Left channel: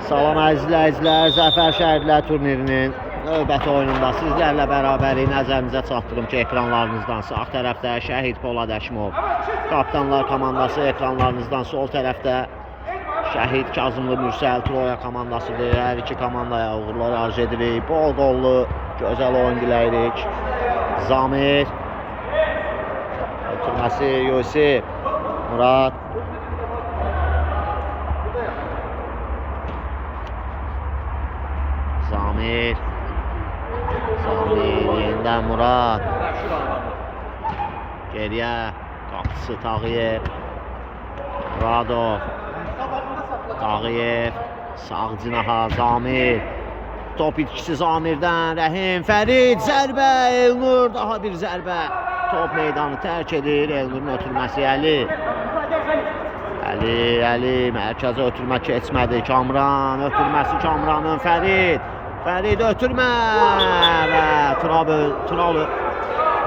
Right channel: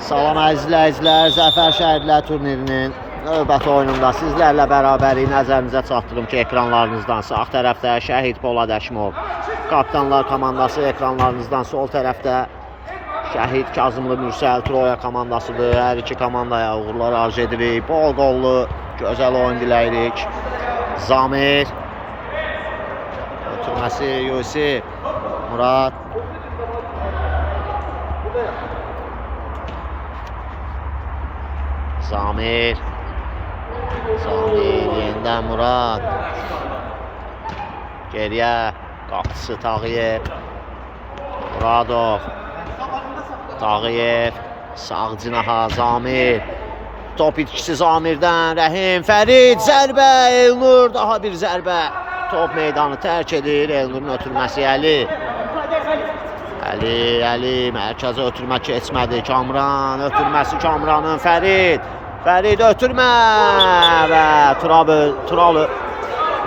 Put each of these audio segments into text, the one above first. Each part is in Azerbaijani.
Salam əziz izləyicilər, Zəfər Şəhidlər turnirinin növbəti oyununda sizlərlə bərabərik nəzərinizə çatdırım ki, ekranlarınızdan sağ tərəfdə Şəhid Polad Əşimov, Kapitanlar komandası ekranlarınızdan sol tərəfdə Şəhid Kazımlı Mürsəl Troya komandasıdır. Hər iki komandaya uğurlar arzu edirik. Bol qollu, gözəl oyun diləyirik. Zamir ötürməsi Yusif, Murad Zamir yenidən Murad geriyə qapısı Tağıyev, Muradov Tağıyev sağ cinaha Zamir, top itkisi Zamirdən, Rəhim, Fərid, zərbə, Elnur, daha bir zərbə, top meydanı tərk edir. Elnurun ötürməsi Əli mərkəzə ötürmə keçmədi. Kamran ötürməsi Kamranın, Fərid ötürmə və Turalı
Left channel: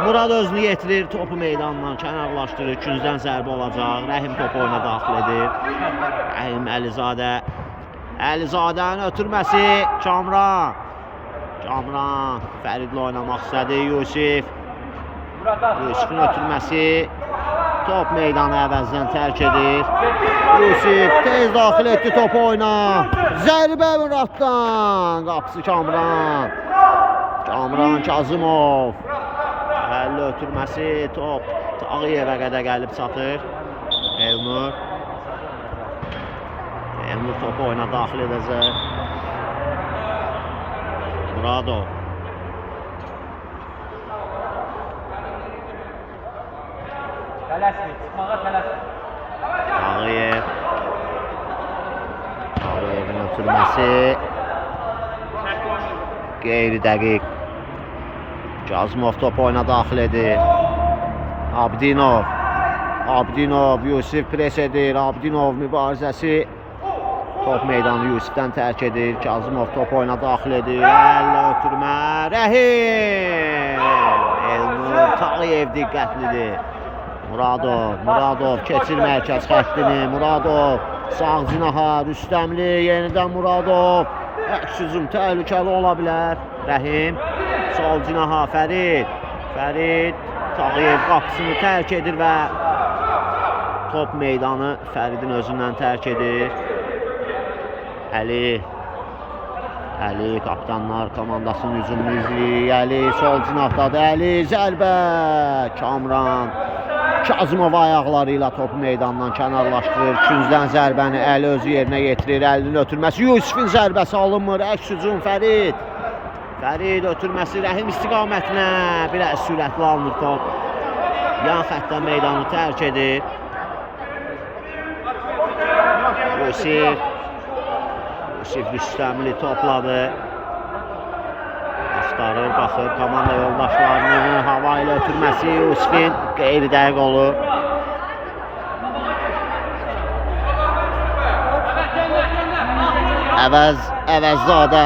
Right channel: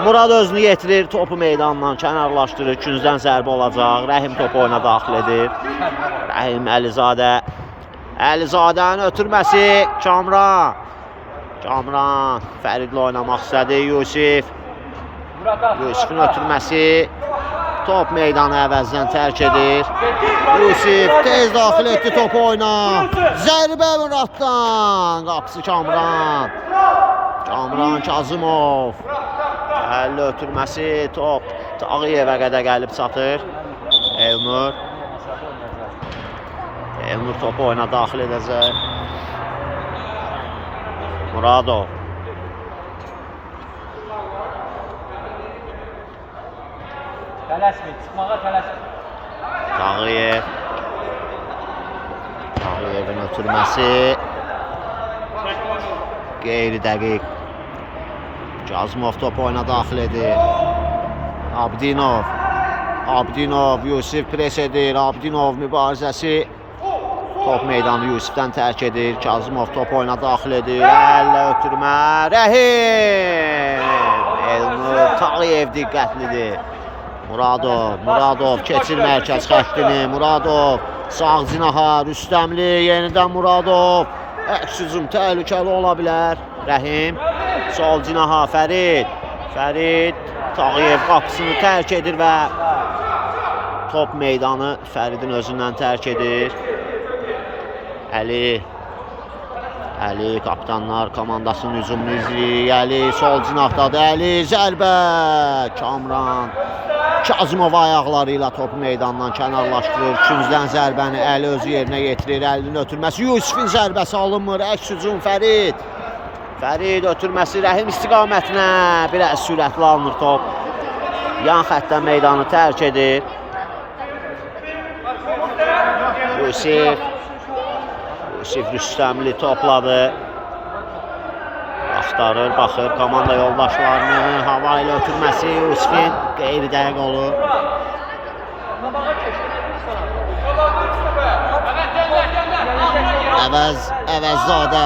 Murad özünü yetirir, topu meydandan kənarlaşdırır. Küncdən zərbə olacaq. Rəhim topu oyuna daxil edir. Rəhim Əlizadənin ötürməsi Kamran Fəridlə oynamaq istədi. Yusifin ötürməsi, top meydanı əvəzdən tərk edir. Yusif tez daxil etdi topu oyuna. Zərbə Muraddan, qapısı Kamran Kazımov. Əlli ötürməsi, top Tağıyevə qədər gəlib çatır. Elnur topu oyuna daxil edəcək. Muradov Tağıyevin ötürməsi qeyri dəqiq. Kazımov topu oyuna daxil edir. Abdinov Yusif pres edir. Abdinov mübarizəsi, top meydanı Yusifdən tərk edir. Kazımov topu oyuna daxil edir. Əllə ötürmə Rəhim, Elnur, Tağıyev diqqətlidir. Muradov keçir mərkəz xəttini. Muradov sağ cinaha Rüstəmli, yenidən Muradov. Əks hücum təhlükəli ola bilər. Rəhim sol cinaha Fərid Tağıyev qapısını tərk edir və top meydanı Fəridin özündən tərk edir. Əli Kapitanlar komandasının hücumunu izləyir. Əli sol cinahdadır. Əli zərbə. Kamran Kazımov ayaqları ilə topu meydandan kənarlaşdırır. Küncdən zərbəni Əli özü yerinə yetirir. Əlinin ötürməsi, Yusifin zərbəsi alınmır. Əks hücum Fərid ötürməsi Rəhim istiqamətinə, biraz sürətli alınır top. Yan xəttdən meydanı tərk edir. Yusif Rüstəmli topladı. Axtarır, baxır komanda yoldaşlarını. Hava ilə ötürməsi Yusifin qeyri dəqiq olur. Əvəzzadə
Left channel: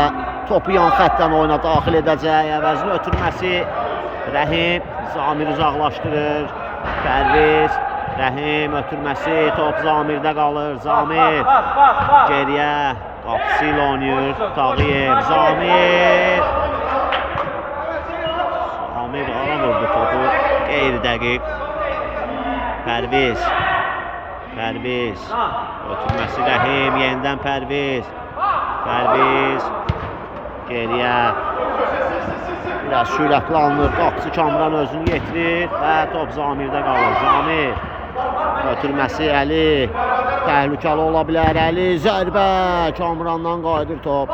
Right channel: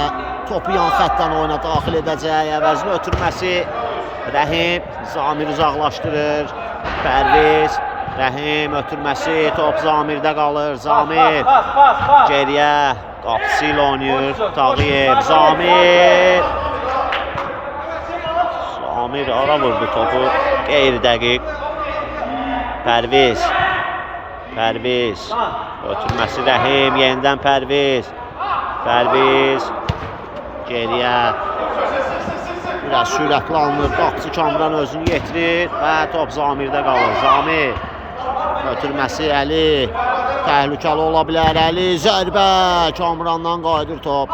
topu yan xəttdən oyuna daxil edəcək. Əvəzin ötürməsi Rəhim, Zamir uzaqlaşdırır. Pərviz, Rəhim ötürməsi, top Zamirdə qalır. Zamir geriyə, qapısı ilə oynayır. Tağıyev, Zamir ara vurdu topu, qeyri dəqiq. Pərviz ötürməsi Rəhim, yenidən Pərviz geriyə, biraz sürətli alınır. Qapısı Kamran özünü yetirir və top Zamirdə qalır. Zamir ötürməsi Əli, təhlükəli ola bilər. Əli zərbə, Kamrandan qayıdır top.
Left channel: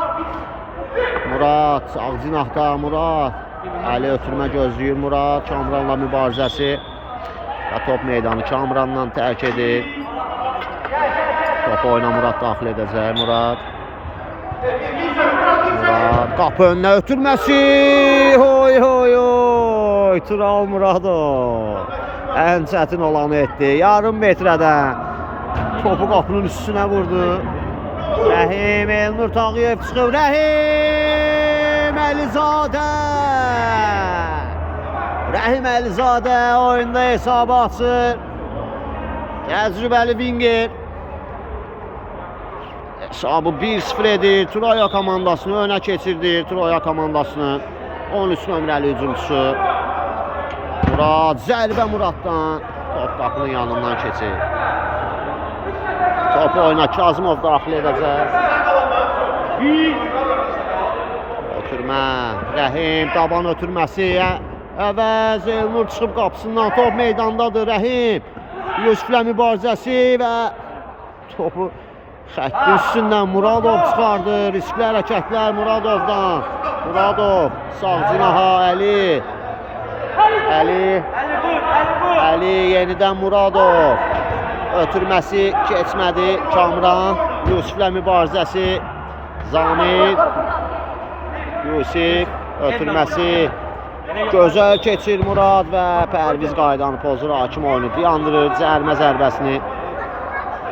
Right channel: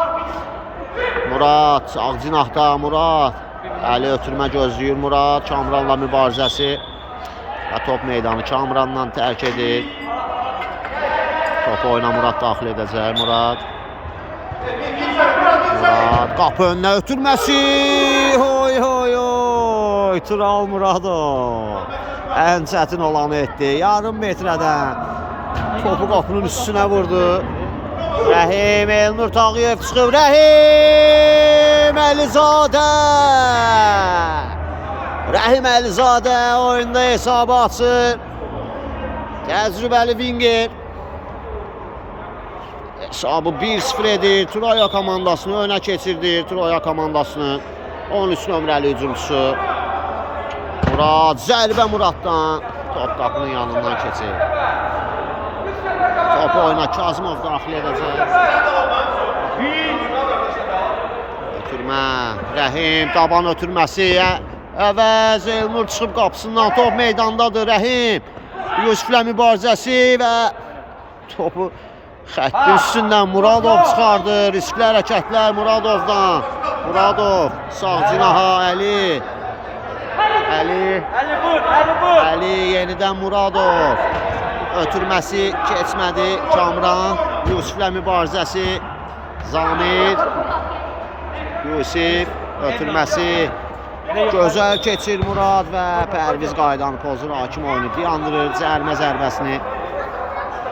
Murad sağ cinahda, Murad Əli ötürmə gözləyir. Murad Kamranla mübarizəsi və top meydanı Kamrandan tərk edir. Topu oyuna Murad daxil edəcək. Murad qapı önünə ötürməsi. Tural Muradov ən çətin olanı etdi. Yarım metrədən topu qapının üstünə vurdu. Rəhim, Elnur Tağıyev çıxıb. Rəhim Əlizadə oyunda hesabı açır. Təcrübəli winger Hesabı 1-0 edir. Troya komandasını önə keçirdir. Troya komandasının 13 nömrəli hücumçusu Murad. Zərbə Muraddan. Top qapının yanından keçir. Topu oyuna Kazımov daxil edəcək. Ötürmə. Rəhim taban ötürməsi. Əvəz Elnur çıxıb qapısından. Top meydandadır. Rəhim. Yusiflə mübarizəsi və topu xəttin üstündən Muradov çıxardı. Riskli hərəkətlər Muradovdan. Muradov sağ cinaha Əli. Əli yenidən Muradov. Ötürməsi keçmədi. Kamran. Yusiflə mübarizəsi. Zamir. Yusif. Ötürməsi. Gözəl keçir Murad və Pərviz qaydanı pozur. Hakim oyunu dayandırır. Cərmə zərbəsini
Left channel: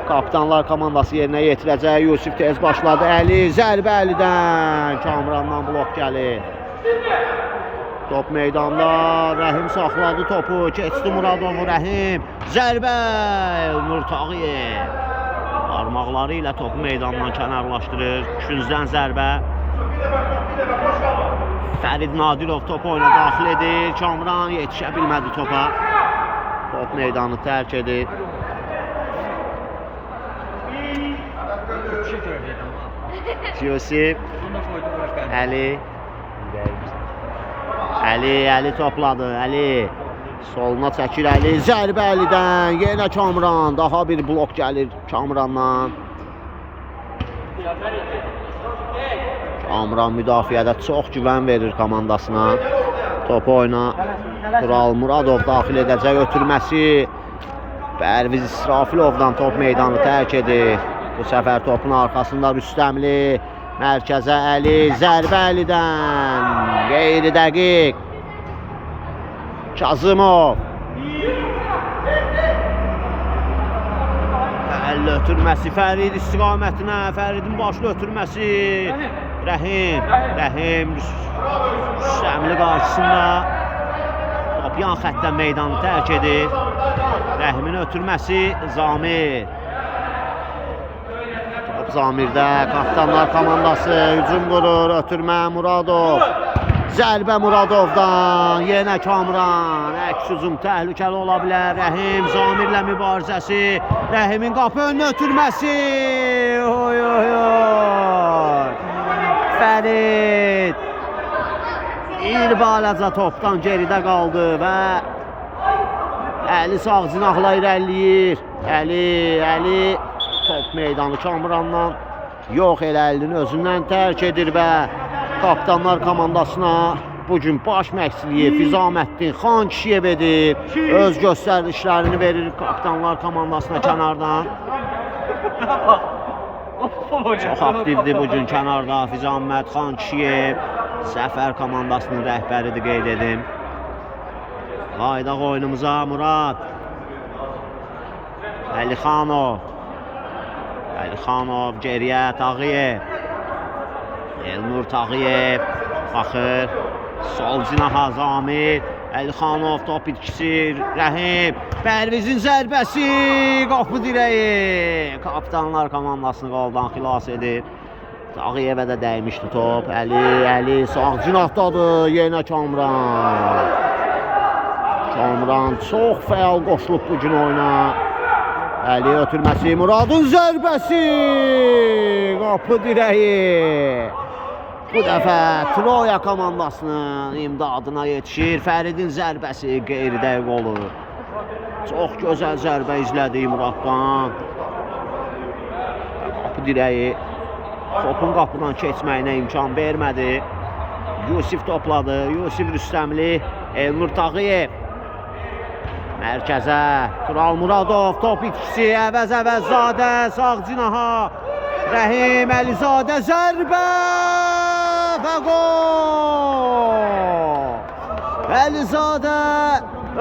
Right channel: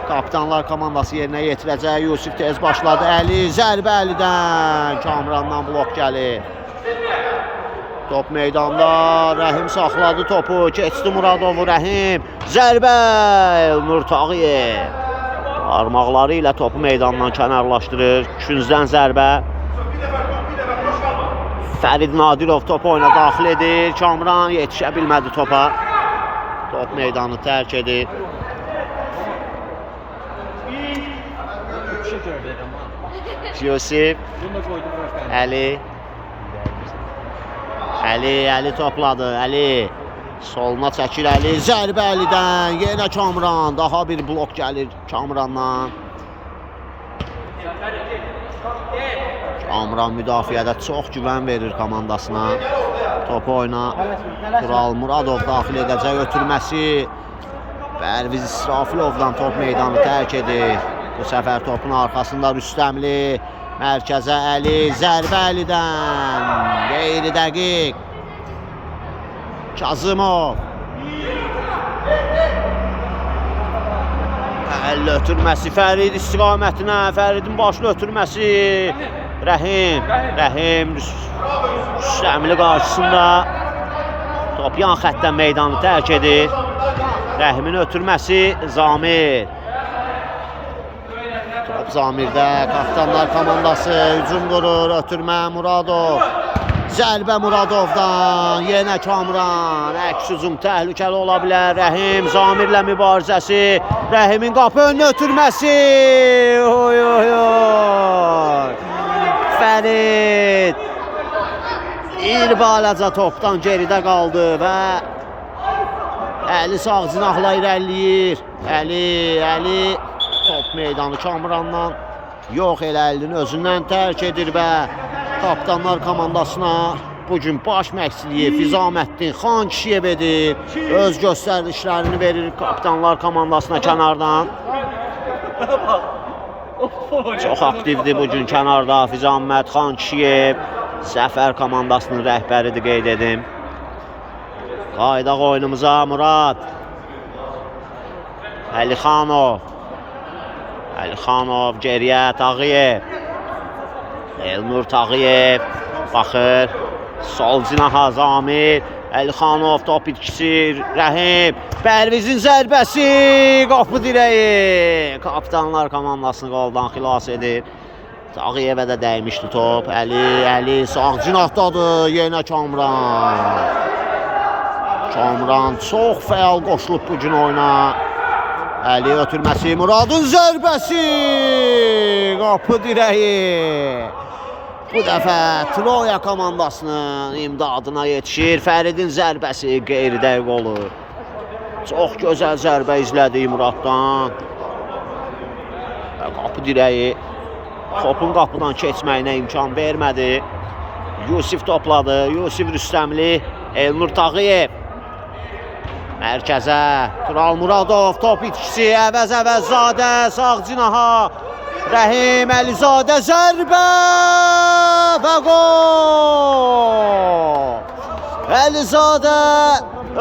Kapitanlar komandası yerinə yetirəcək. Yusif tez başladı. Əli. Zərbə Əlidən. Kamrandan blok gəlir. Top meydanda. Rəhim saxladı topu. Keçdi Muradovu. Rəhim. Zərbə. Elnur Tağıyev. Parmaqları ilə topu meydandan kənarlaşdırır. Küncdən zərbə. Fərid Nadirov topu oyuna daxil edir. Kamran yetişə bilmədi topa. Top meydanı tərk edir. Yusif. Əli topladı. Əli soluna çəkir. Əli. Zərbə Əlidən. Yenə Kamran. Daha bir blok gəlir Kamrandan. Kamran müdafiədə çox güvən verir komandasına. Topu oyuna Tural Muradov daxil edəcək. Ötürməsi Pərviz İsrafilovdan top meydanı tərk edir. Bu səfər topun arxasında Rüstəmli. Mərkəzə Əli. Zərbə Əlidən. Qeyri dəqiq. Kazımov. Əli ötürməsi Fərid istiqamətinə. Fəridin başlı ötürməsi. Rəhim Rüstəmli qarşısında top yan xəttdən meydanı tərk edir. Rəhimin ötürməsi Zamir. Top Zamirdə. Kapitanlar komandası hücum qurur. Ötürmə Muradov. Zərbə Muradovdan. Yenə Kamran. Əks hücum təhlükəli ola bilər. Rəhim Zamirlə mübarizəsi. Rəhimin qapı önünə ötürməsi. Oy. Fərid bir balaca topdan geridə qaldı və Əli sağ cinahla irəliləyir. Əli top meydanı Kamrandan yox elə Əlinin özündən tərk edir və Kapitanlar komandasına bugün baş məqsiliyi Fizaməddin Xan Kişiyev edir. Öz göstərişlərini verir Kapitanlar komandasına kənardan. Çox aktivdir bugün kənarda Fizaməd Xan Kişiyev. Səfər komandasının rəhbəridir qeyd edim. Qaydaq oyunumuza Murad. Əlixanov geriyə Tağıyev. Elnur Tağıyev baxır. Sol cinaha Zamir. Əlixanov top itkisi. Rəhim. Pərvizin zərbəsi. Qapı dirəyi. Kapitanlar komandasını qoldan xilas edir. Tağıyevə də dəymişdi top. Əli sağ cinahdadır. Yenə Kamran çox fəal qoşulub bugün oyuna. Əli ötürməsi. Muradın zərbəsi. Qapı dirəyi. Bu dəfə Troya komandasının imdadına yetişir. Fəridin zərbəsi qeyri-dəqiq olur. Çox gözəl zərbə izlədik Muraddan. Qapı dirəyi topun qapıdan keçməyinə imkan vermədi. Yusif topladı. Yusif Rüstəmli. Elnur Tağıyev. Mərkəzə Tural Muradov top itkisi. Əvəzzadə sağ cinaha. Rəhim Əlizadə zərbə və qol. Əlizadə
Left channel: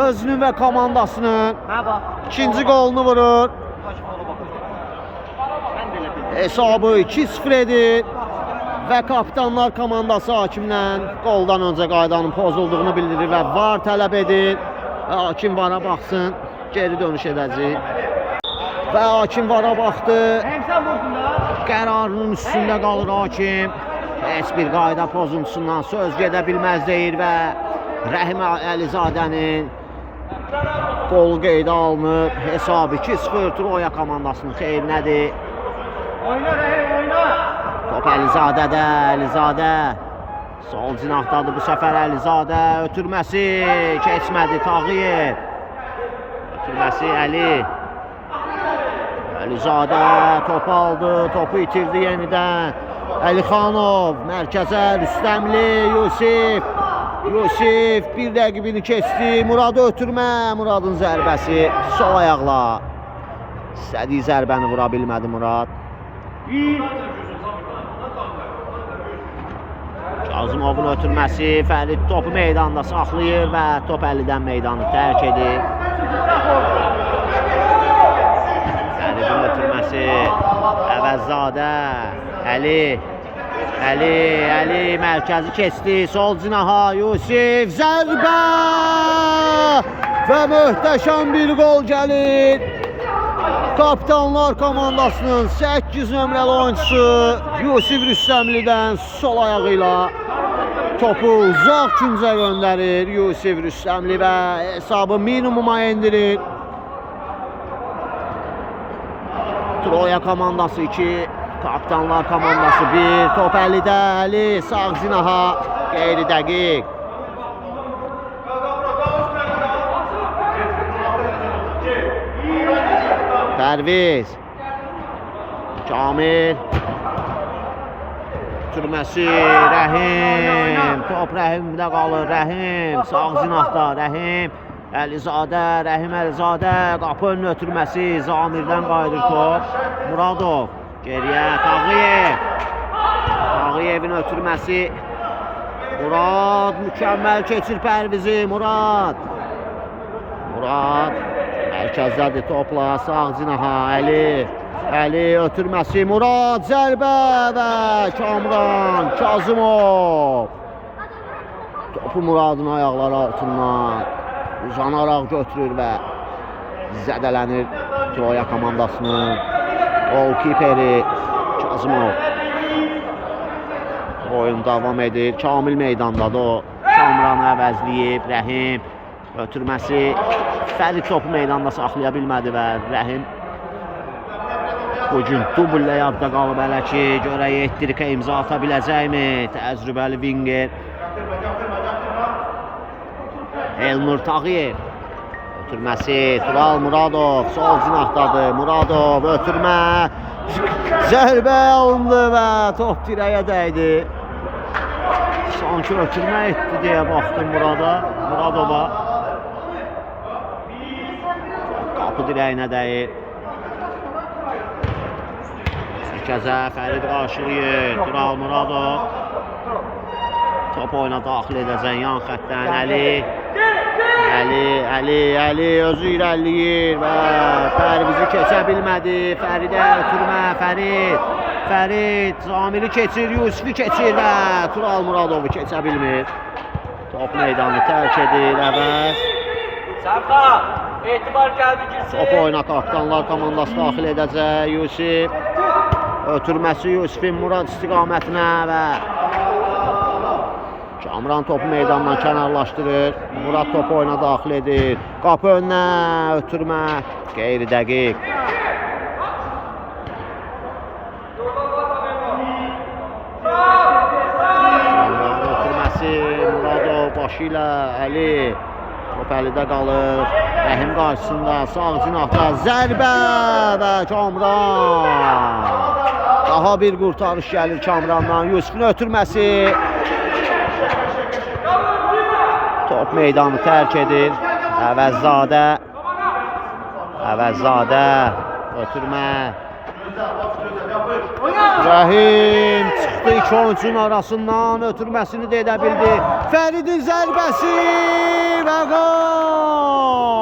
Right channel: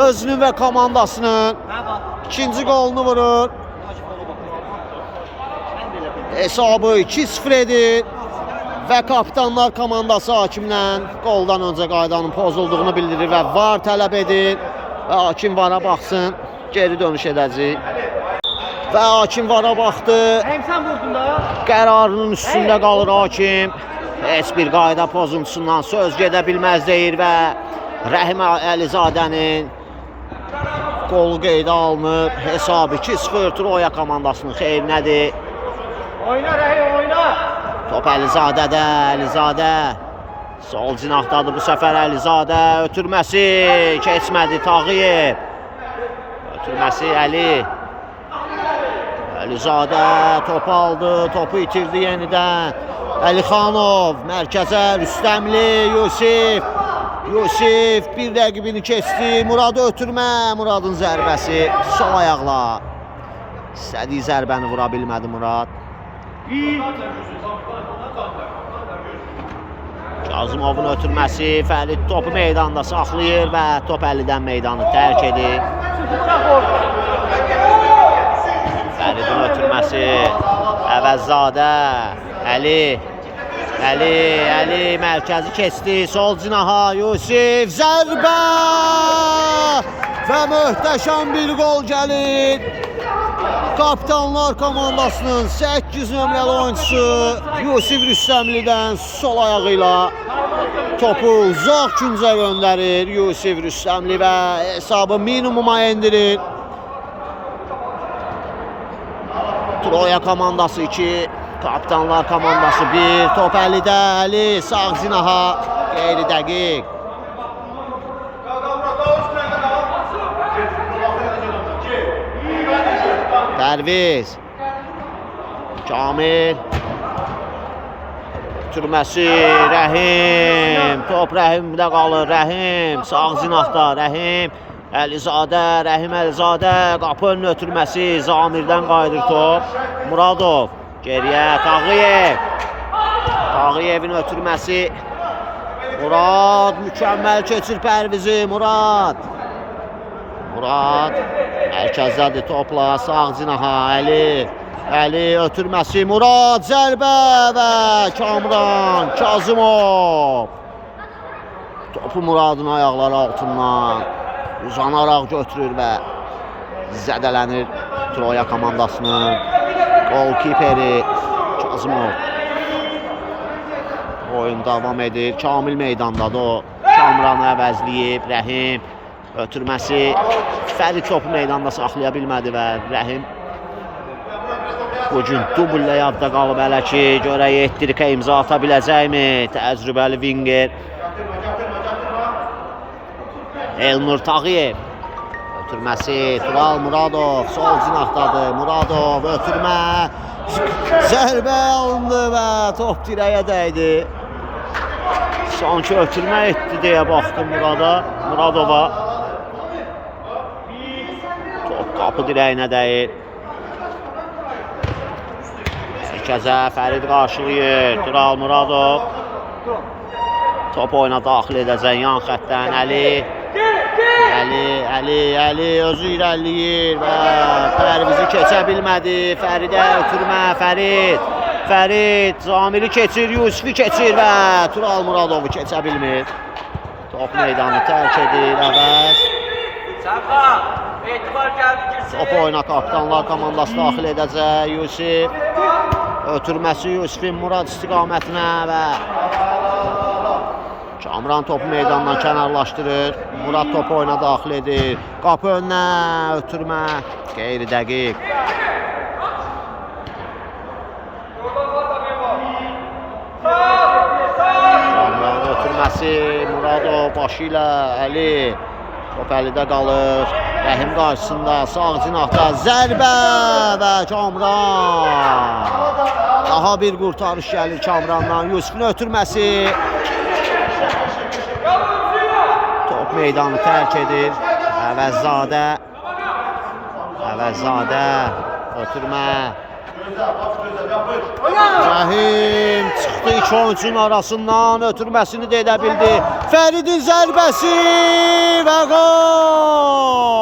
özünün və komandasının ikinci qolunu vurur. Hesabı 2-0 edir və Kapitanlar komandası hakimlə qoldan öncə qaydanın pozulduğunu bildirir və VAR tələb edir. Və hakim VAR-a baxsın, geri dönüş edəcək. Və hakim vara baxdı. Hem sen vurdun da. Qərarının üstündə qalır hakim. Heç bir qayda pozuntusundan söz gedə bilməz deyir və Rəhim Əlizadənin qolu qeydə alınıb. Hesabı 2-0 Troya komandasının xeyrinədir. Oyna Rəhim, oyna. Top Əlizadədə, Əlizadə sol cinahdadır bu səfər Əlizadə. Ötürməsi keçmədi Tağıyev. Ötürməsi Əli. Əlizadə top aldı, topu itirdi yenidən. Əlixanov mərkəzə, Rüstəmli, Yusif. Yusif bir rəqibini keçdi. Muradı ötürmə, Muradın zərbəsi sol ayaqla. İstədiyi zərbəni vura bilmədi Murad. Kazımovun ötürməsi, Fərid topu meydanda saxlayır və top Əlidən meydanı tərk edir. Fəridin ötürməsi, Əvəzzadə, Əli mərkəzi keçdi, sol cinaha Yusif, zərbə və möhtəşəm bir gol gəlir. Kapitanlar komandasının 8 nömrəli oyuncusu Yusif Rüstəmlidən sol ayağıyla topu uzaq küncə göndərir Yusif Rüstəmli və hesabı minimuma endirir. Troya komandası 2, Kapitanlar komandası 1. Top Əlidə, Əli sağ cinaha, qeyri dəqiq. Pərviz, Kamil, ötürməsi Rəhim, top Rəhimdə qalır, Rəhim sağ cinahda, Rəhim Əlizadə, Rəhim Əlizadə, qapı önünün ötürməsi, Zamirdən qayıdır top, Muradov, geriyə Tağıyev, Tağıyevin ötürməsi, Murad mükəmməl keçir Pərvizi, Murad mərkəzdədir topla, sağ cinaha, Əli ötürməsi, Murad zərbə və Kamran Kazımov topu Muradın ayaqları altından uzanaraq götürür və zədələnir Troya komandasının qol-kiperi Kazımov. Oyun davam edir, Kamil meydandadır o, Kamranı əvəzləyib, Rəhim ötürməsi, Fərid topu meydanda saxlaya bilmədi və Rəhim bugün dublə yadda qalıb hələ ki, görək 7-likə imza ata biləcəkmi? Təcrübəli winger Elnur Tağıyev. Ötürməsi, Tural Muradov sol cinahdadır. Muradov ötürmə, zərbə alındı və top dirəyə dəydi. Sanki ötürmə etdi deyə baxdım Muradova. Top qapı dirəyinə dəyir. Mərkəzə Fərid qarşılayır. Tural Muradov. Top oyuna daxil edəcək yan xəttdən Əli özü irəliləyir və Pərvizi keçə bilmədi. Fəridə ötürmə, Fərid Zamiri keçir, Yusifi keçir və Tural Muradovu keçə bilmir. Top meydanı tərk edir, əvəz. Top oyuna Kapitanlar komandası daxil edəcək. Yusif ötürməsi Yusifin Murad istiqamətinə və Kamran topu meydandan kənarlaşdırır. Murad topu oyuna daxil edir. Qapı önünə ötürmə, qeyri dəqiq. Kamran ötürməsi, Muradov başı ilə Əli. Top Əlidə qalır. Rəhim qarşısında, sağ cinahda zərbə və Kamran. Daha bir qurtarış gəlir Kamrandan. Yusifin ötürməsi. Top meydanı tərk edir. Əvəzzadə ötürmə. Rəhim çıxdı iki oyuncunun arasından, ötürməsini də edə bildi. Fəridin zərbəsi və gol!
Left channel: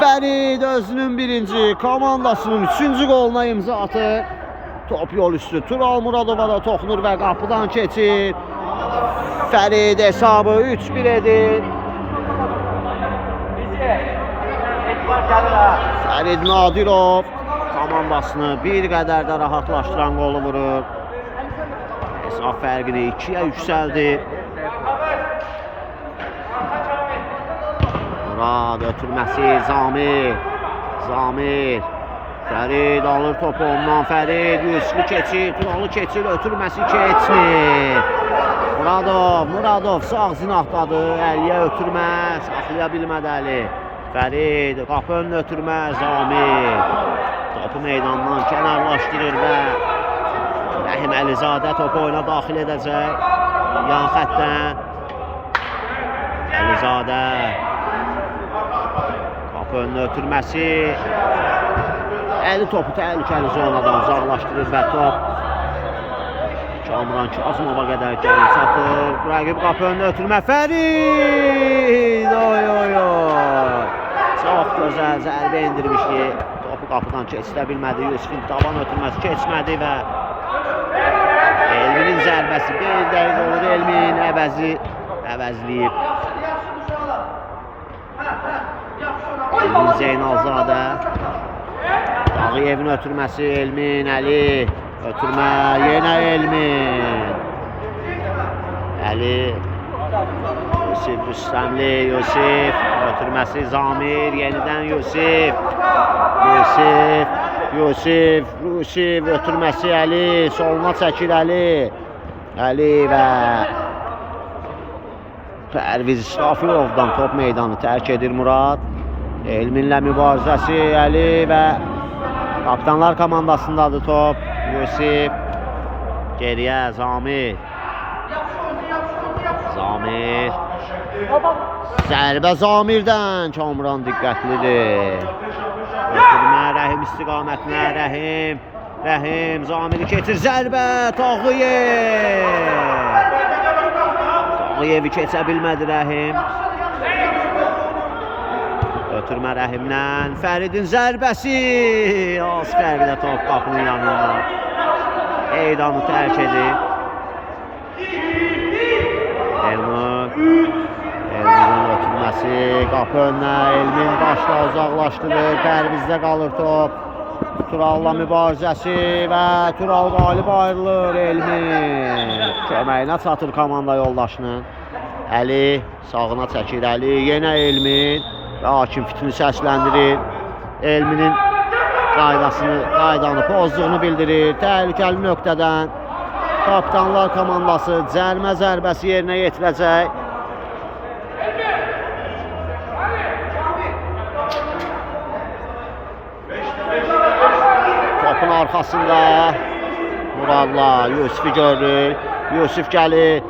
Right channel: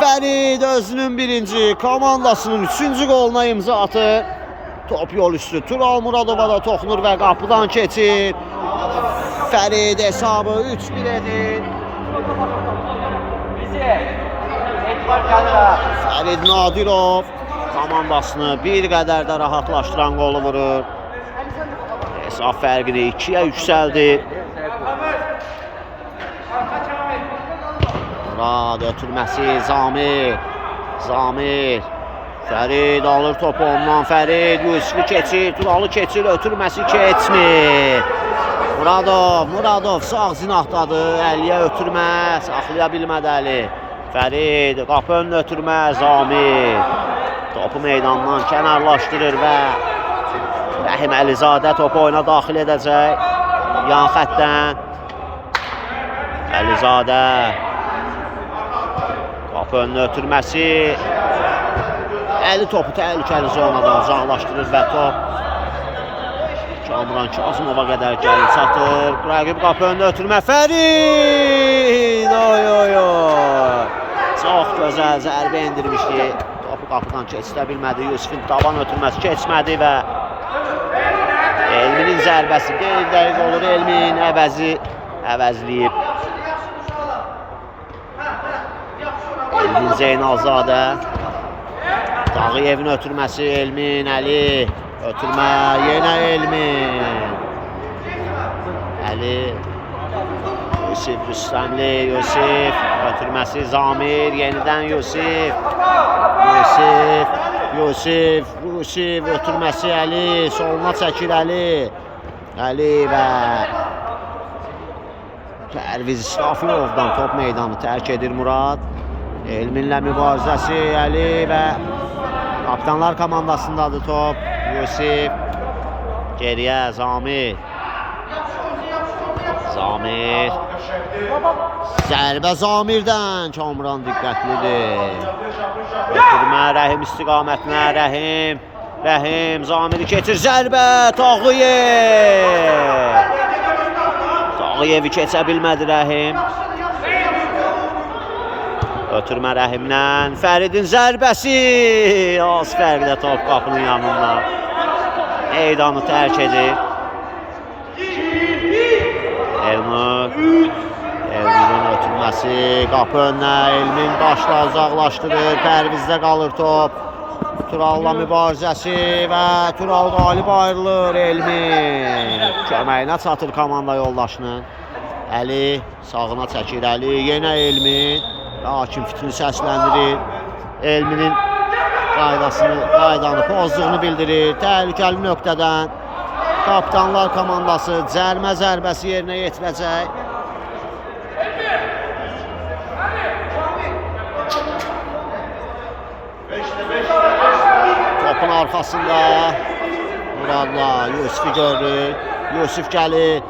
Fərid özünün birinci, komandasının 3-cü qoluna imza atır. Top yol üstü Tural Muradova da toxunur və qapıdan keçir. Fərid hesabı 3-1 edir. Fərid Nadirov komandasını bir qədər də rahatlaşdıran qolu vurur. Hesab fərqini 2-yə yüksəldir. Murad ötürməsi Zamir. Zamir. Fərid alır topu ondan. Fərid Yusufu keçir. Turalı keçir. Ötürməsi keçmir. Muradov sağ zinahdadır. Əliyə ötürmə. Saxlaya bilmədi Əli. Fərid qapı önünə ötürmə. Zamir. Topu meydandan kənarlaşdırır və Rəhim Əlizadə topu oyuna daxil edəcək. Yan xəttdən. Əlizadə. Qapı önünə ötürməsi. Əli topu təhlükəli zonadan uzaqlaşdırır və top Kamran Kazımova qədər gəlin çatır. Rəqib qapı önünə ötürmə. Fərid! Oy oy oy! Çox gözəl zərbə endirmişdi. Topu qapıdan keçirə bilmədi. Yusufun taban ötürməsi keçmədi və Elminin zərbəsi qeyri-dəqiq olur. Elmin əvəzləyib. Elmin Zeynalzadə. Dağıyevin ötürməsi Elmin, Əli. Ötürmə, yenə Elmin. Əli. Yusuf Rüstəmli, Yusuf. Ötürməsi Zamir, yenidən Yusuf. Yusuf ötürməsi Əli. Soluna çəkir Əli. Əli və Pərviz İsrafilovdan top meydanı tərk edir Murad. Elminlə mübarizəsi Əli və Kapitanlar komandasındadır top. Yusuf. Geriyə Zamir. Zərbə Zamirdən. Kamran diqqətlidir. Ötürmə Rəhim istiqamətinə. Rəhim Zamiri keçir. Zərbə Tağıyevi keçə bilmədi Rəhim. Ötürmə Rəhimdən. Fəridin zərbəsi. Az fərqlə top qapının yanından. Meydanı tərk edir. Elmin'in ötürməsi. Qapı önünə. Elmin başla uzaqlaşdırır. Pərvizdə qalır top. Turalla mübarizəsi və Tural qalib ayrılır. Elmin köməyinə çatır komanda yoldaşının. Əli sağına çəkir. Əli yenə Elmin. Və hakim fitini səsləndirir. Elminin qaydanı pozduğunu bildirir. Təhlükəli nöqtədən Kapitanlar komandası cərmə zərbəsi yerinə yetirəcək. Topun arxasında Muradla Yusufu görür. Yusuf gəlir.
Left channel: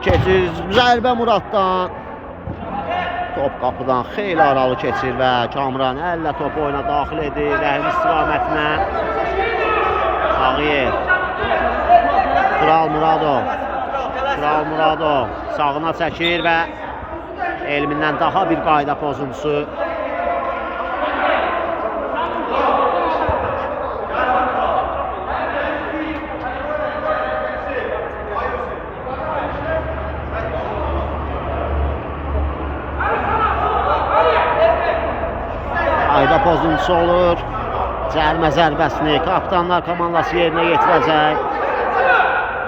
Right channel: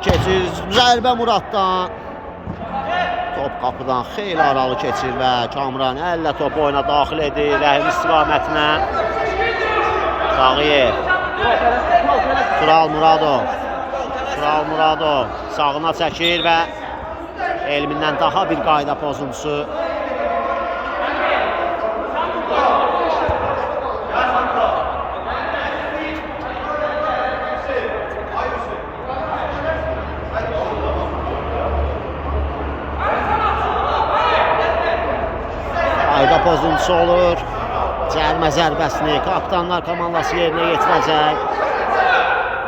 Keçir zərbə Muraddan. Top qapıdan xeyli aralı keçir və Kamran əllə topu oyuna daxil edir. Rəhim istiqamətinə. Tağıyev. Tural Muradov sağına çəkir və Elmindən daha bir qayda pozuntusu. Qayda pozuntusu olur. Cərmə zərbəsini Kapitanlar komandası yerinə yetirəcək.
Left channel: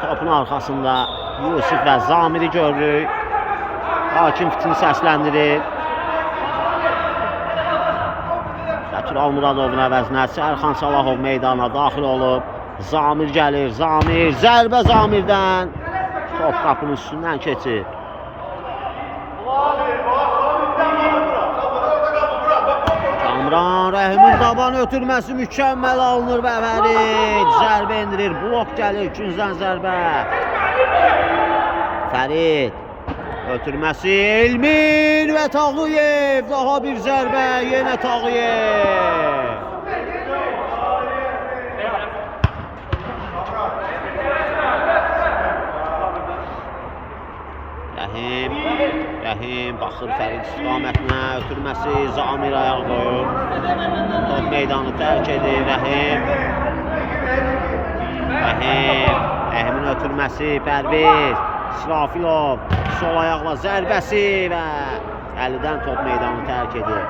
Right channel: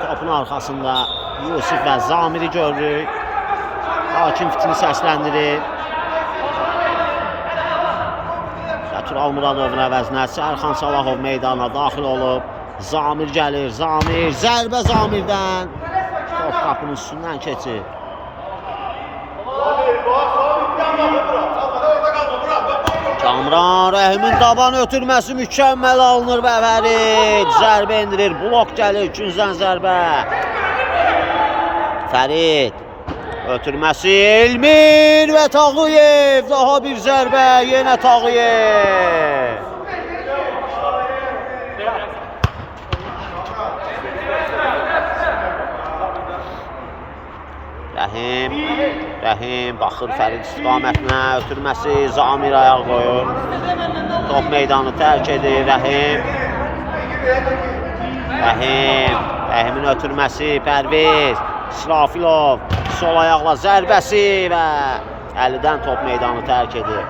Topun arxasında Yusuf və Zamiri görürük. Hakim fitini səsləndirir. Tural Muradovun əvəzinə Sərxan Salahov meydana daxil olub. Zamir gəlir. Zərbə Zamirdən. Top qapının üstündən keçir. Kamran Rəhimin taban ötürməsi mükəmməl alınır və Fərid zərbə endirir. Blok gəlir, ikinciden zərbə. Fərid ötürməsi Elmin və Tağıyev. Daha bir zərbə, yenə Tağıyev. Rəhim baxır Fərid istiqamətinə, ötürməsi Zamir ayaq qoyur. Top meydanı tərk edir Rəhimin ötürməsi Pərviz İsrafilov sol ayaqla zərbəsi və əlidən top meydanı tərk edir.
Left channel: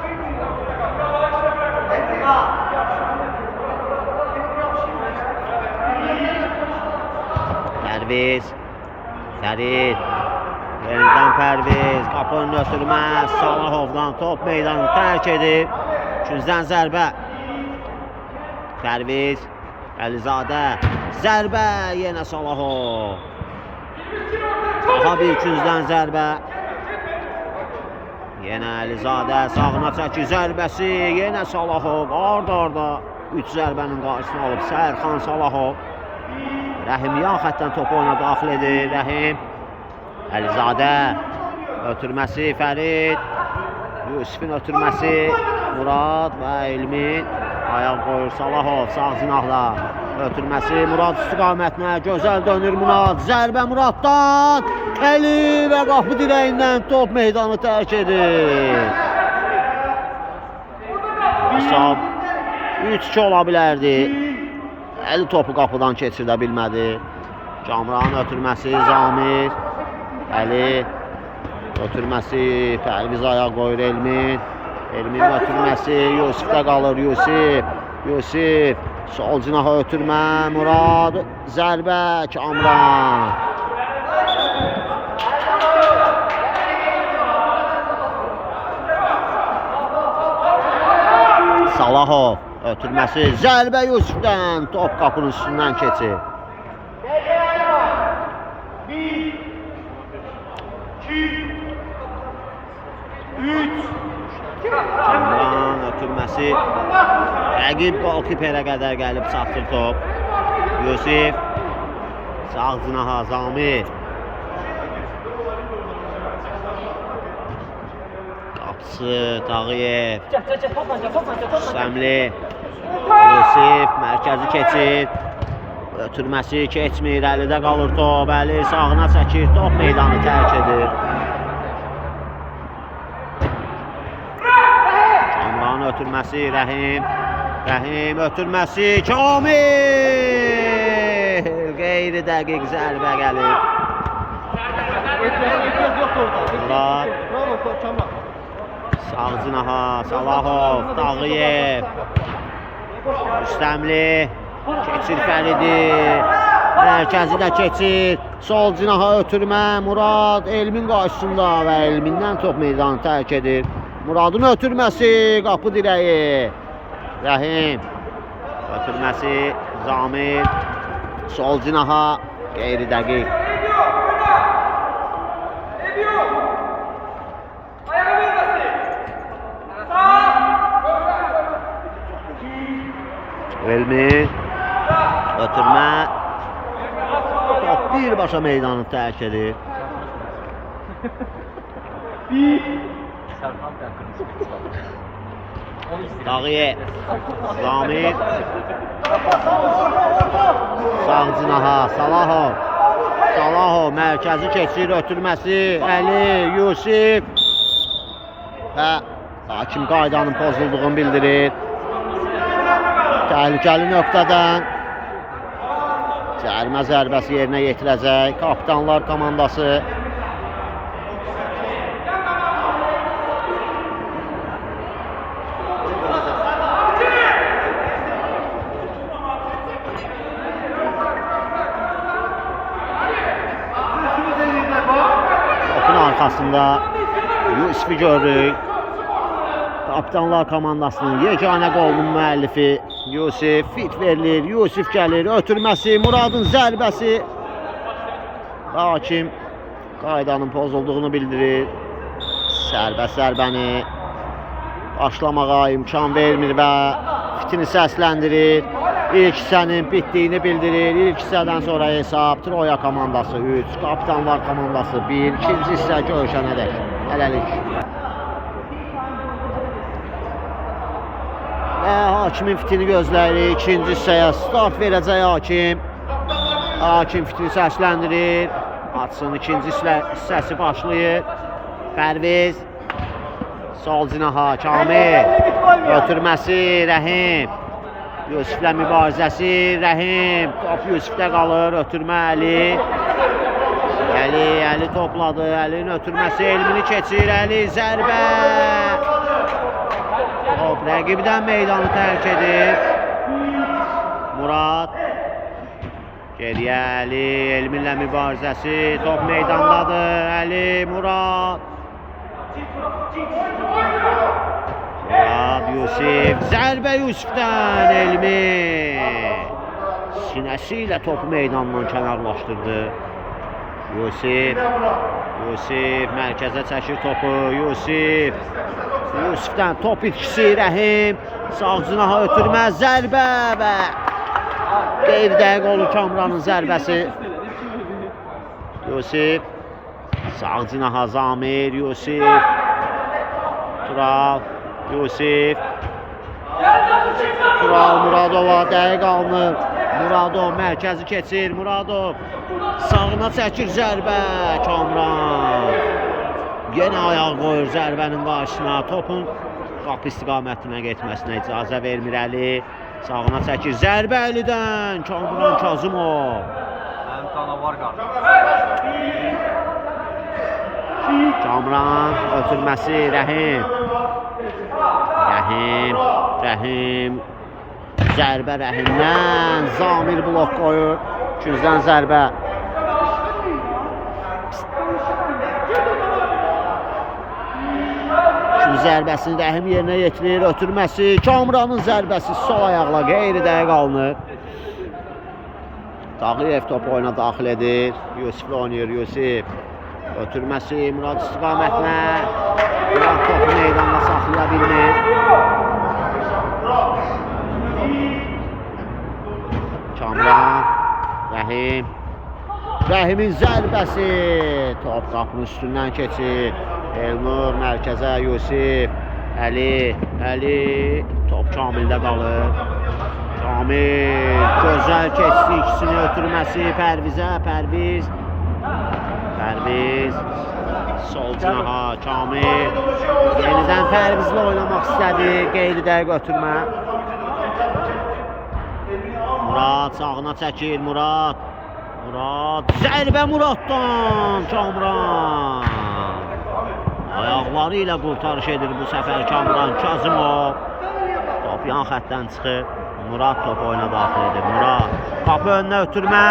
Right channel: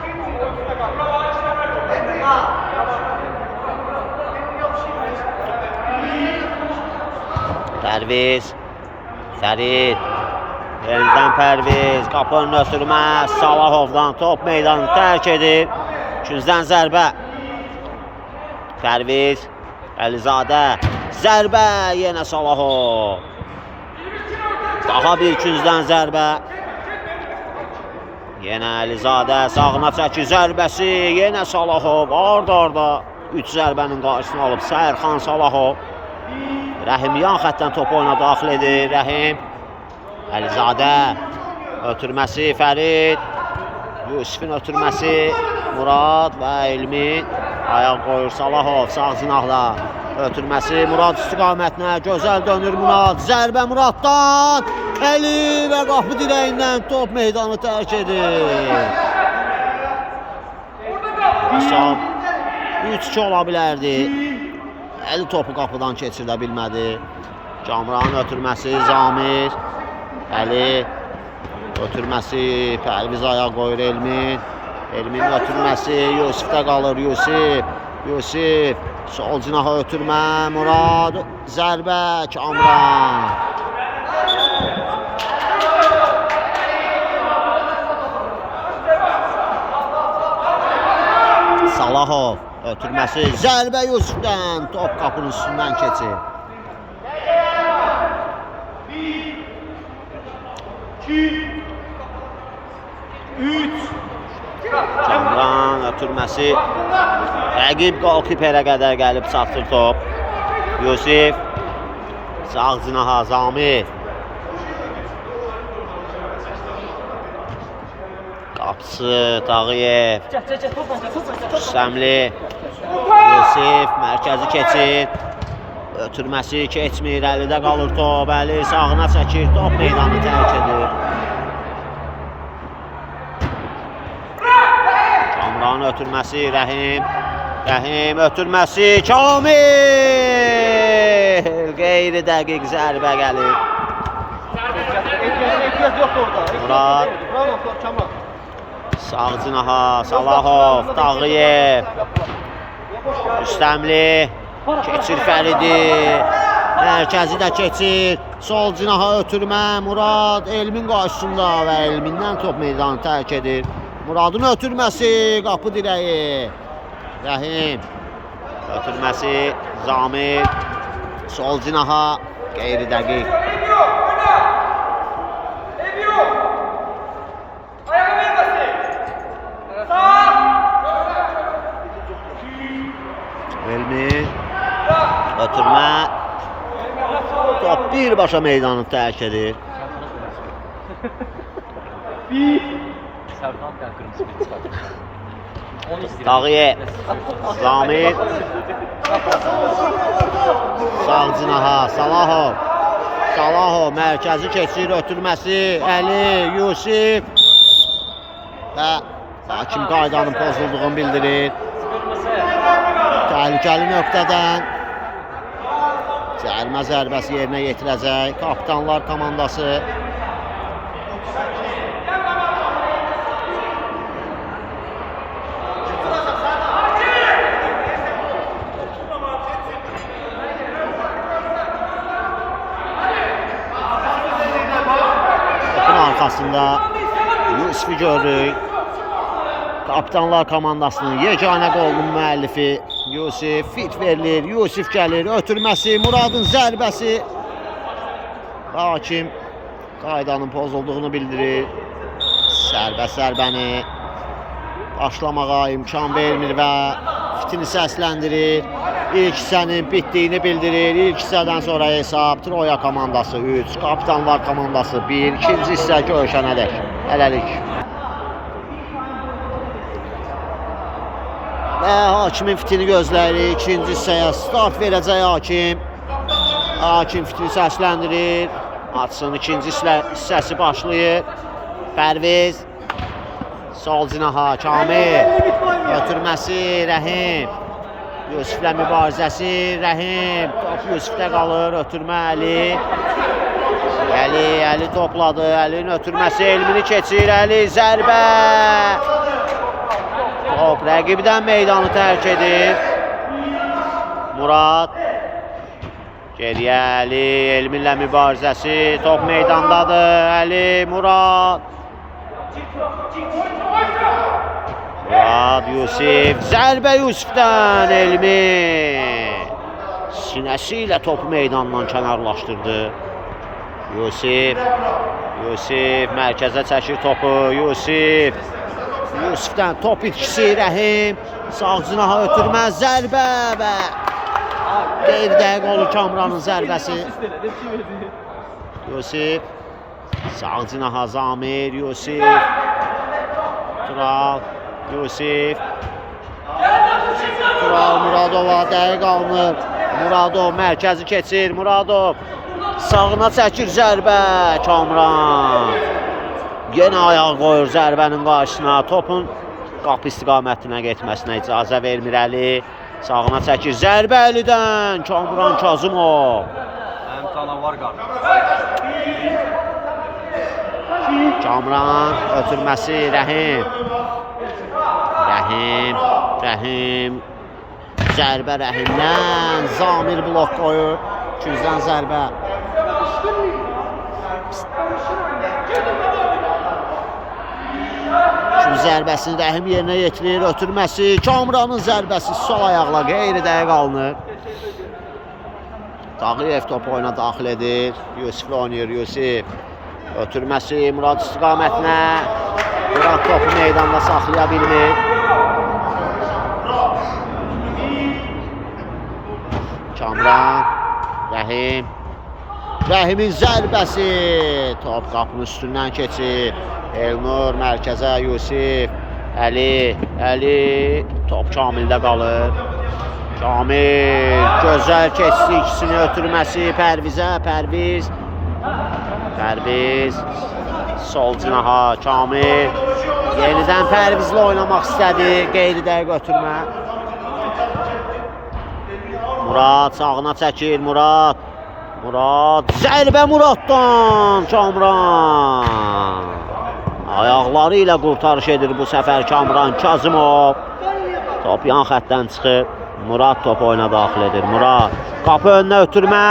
Pərviz. Fərid. Yenidən Pərviz. Qapının ötürmə. Salahovdan top meydanı tərk edir. Küncdən zərbə. Pərviz. Əlizadə. Zərbə. Yenə Salahov. Daha bir küncdən zərbə. Yenə Əlizadə. Sağına çəkir zərbəsi. Yenə Salahov. Arda 3 zərbənin qarşısını alıb Sərxan Salahov. Rəhim yan xəttdən topu oyuna daxil edir. Rəhim. Əlizadə. Ötürməsi Fərid. Yusifin ötürməsi Murad və Elmin. Ayaq qoyur Salahov. Sağ cinahla. Ötürməsi Murad istiqamətinə. Gözəl dönür Murad. Zərbə Muraddan. Əli və qapı dirəyindən top meydanı tərk edir. Hesab 3-2 ola bilərdi. Əli topu qapıdan keçirdə bilmədi. Kamranın ötürməsi Zamir. Əli. Ötürməsi Pərviz ayaq qoyur Elmin. Elminin ötürməsi Yusifdə qalır. Yusif. Sol cinaha ötürmə Murad. Zərbə Kamran. Salahov ötürməsi zərbə Yusifdən. Top qapının üstündən keçir. 1 2 3 Kamran ötürməsi rəqib qolkiperə qədər gəlib çatdır top. Yusif. Sağ cinaha Zamir. Qapısı Tağıyev. Rüstəmli. Yusif mərkəzi keçir. Ötürməsi keçmir. Əlidə qalır top. Əli sağına çəkir. Top meydanı tərk edir. Kamran ötürməsi Rəhim. Rəhim ötürməsi Kamil. Qeyri dəqiq zərbə gəlir. Murad. Sağ cinaha Salahov. Tağıyev. Rüstəmli. Keçir Fəridi. Mərkəzi də keçir. Sol cinaha ötürmə Murad Elmin qarşısında və Elmindən top meydanı tərk edir. Muradın ötürməsi qapı dirəyi. Rəhim. Ötürməsi Zamir. Sol cinaha qeyri dəqiq. Elmin. Ötürmə. Top birbaşa meydanı tərk edir. Tağıyev. Zamir. Sağ cinaha Salahov. Salahov mərkəzi keçir ötürməsi Əli, Yusif. Və hakim qaydanın pozulduğunu bildirir. Təhlükəli nöqtədən cərimə zərbəsi yerinə yetirəcək Kapitanlar komandası. Topun arxasında Yusifi görürük. Kapitanlar komandasının yeganə qolunun müəllifi Yusif fit verilir. Yusif gəlir, ötürməsi, Muradın zərbəsi. Hakim qaydanın pozulduğunu bildirir. Sərbəst zərbəni başlamağa imkan vermir və fitini səsləndirir. İlk hissənin bitdiyini bildirir. İlk hissədən sonra hesab Troya komandası 3, Kapitanlar komandası 1. İkinci hissə görüşənədək. Hələlik. Və hakimin fitini gözləyirik. İkinci hissəyə start verəcək hakim. Hakim fitini səsləndirir. Açsın ikinci hissəsi başlayır. Pərviz. Sol cinaha Kamil. Ötürməsi Rəhim. Yusiflə mübarizəsi Rəhim. Top Yusifdə qalır. Ötürmə Əli. Əli topladı. Əlinin ötürməsi Elmini keçir. Əli zərbə. Top rəqibdən meydanı tərk edir. Murad. Geriyə Əli, Elminlə mübarizəsi, top meydandadır, Əli, Murad. Murad, Yusif, zərbə Yusifdən, Elmi. Sinəsi ilə topu meydandan kənarlaşdırdı. Yusif, mərkəzə çəkir topu, Yusifdən top itkisi, Rəhim, sağ cinaha ötürməz, zərbə və qeyri-dəqiq olur Kamranın zərbəsi. Yusif, sağ cinaha Zamir, Yusif, Tural, Tural Muradova dəqiq alınır. Muradov mərkəzi keçir, Muradov sağına çəkir zərbə, Kamran. Yenə ayaq qoyur zərbənin qarşısına, topun qapı istiqamətinə getməsinə icazə vermir Əli. Sağına çəkir zərbə Əlidən, Kamran Kazımov. Kamran ötürməsi, Rəhim. Zərbə Rəhimdən, Zamir blok qoyur, 200-dən zərbə. Zərbəsini Rəhim yerinə yetirir, ötürməsi, Kamranın zərbəsi sol ayaqla qeyri-dəqiq alınır. Tağıyev topu oyuna daxil edir, Yusiflə oynayır, Yusif. Ötürməsi Murad istiqamətinə, Murad topu meydanda saxlaya bilmir. Kamran, Rəhimin zərbəsi, top qapının üstündən keçir. Elnur mərkəzə, Yusif, Əli, top Kamildə qalır. Kamil, gözəl keçdi, ikisini ötürməsi, Pərviz, sol cinaha, Kamil, yenidən Pərvizlə oynamaq istədi, qeyri-dəqiq ötürmə. Murad sağına çəkir, Murad, zərbə Muraddan, Kamran. Ayaqları ilə qurtarış edir bu səfər Kamran Kazımov. Top yan xətdən çıxır. Murad topu oyuna daxil edir. Murad qapı önünə ötürmə.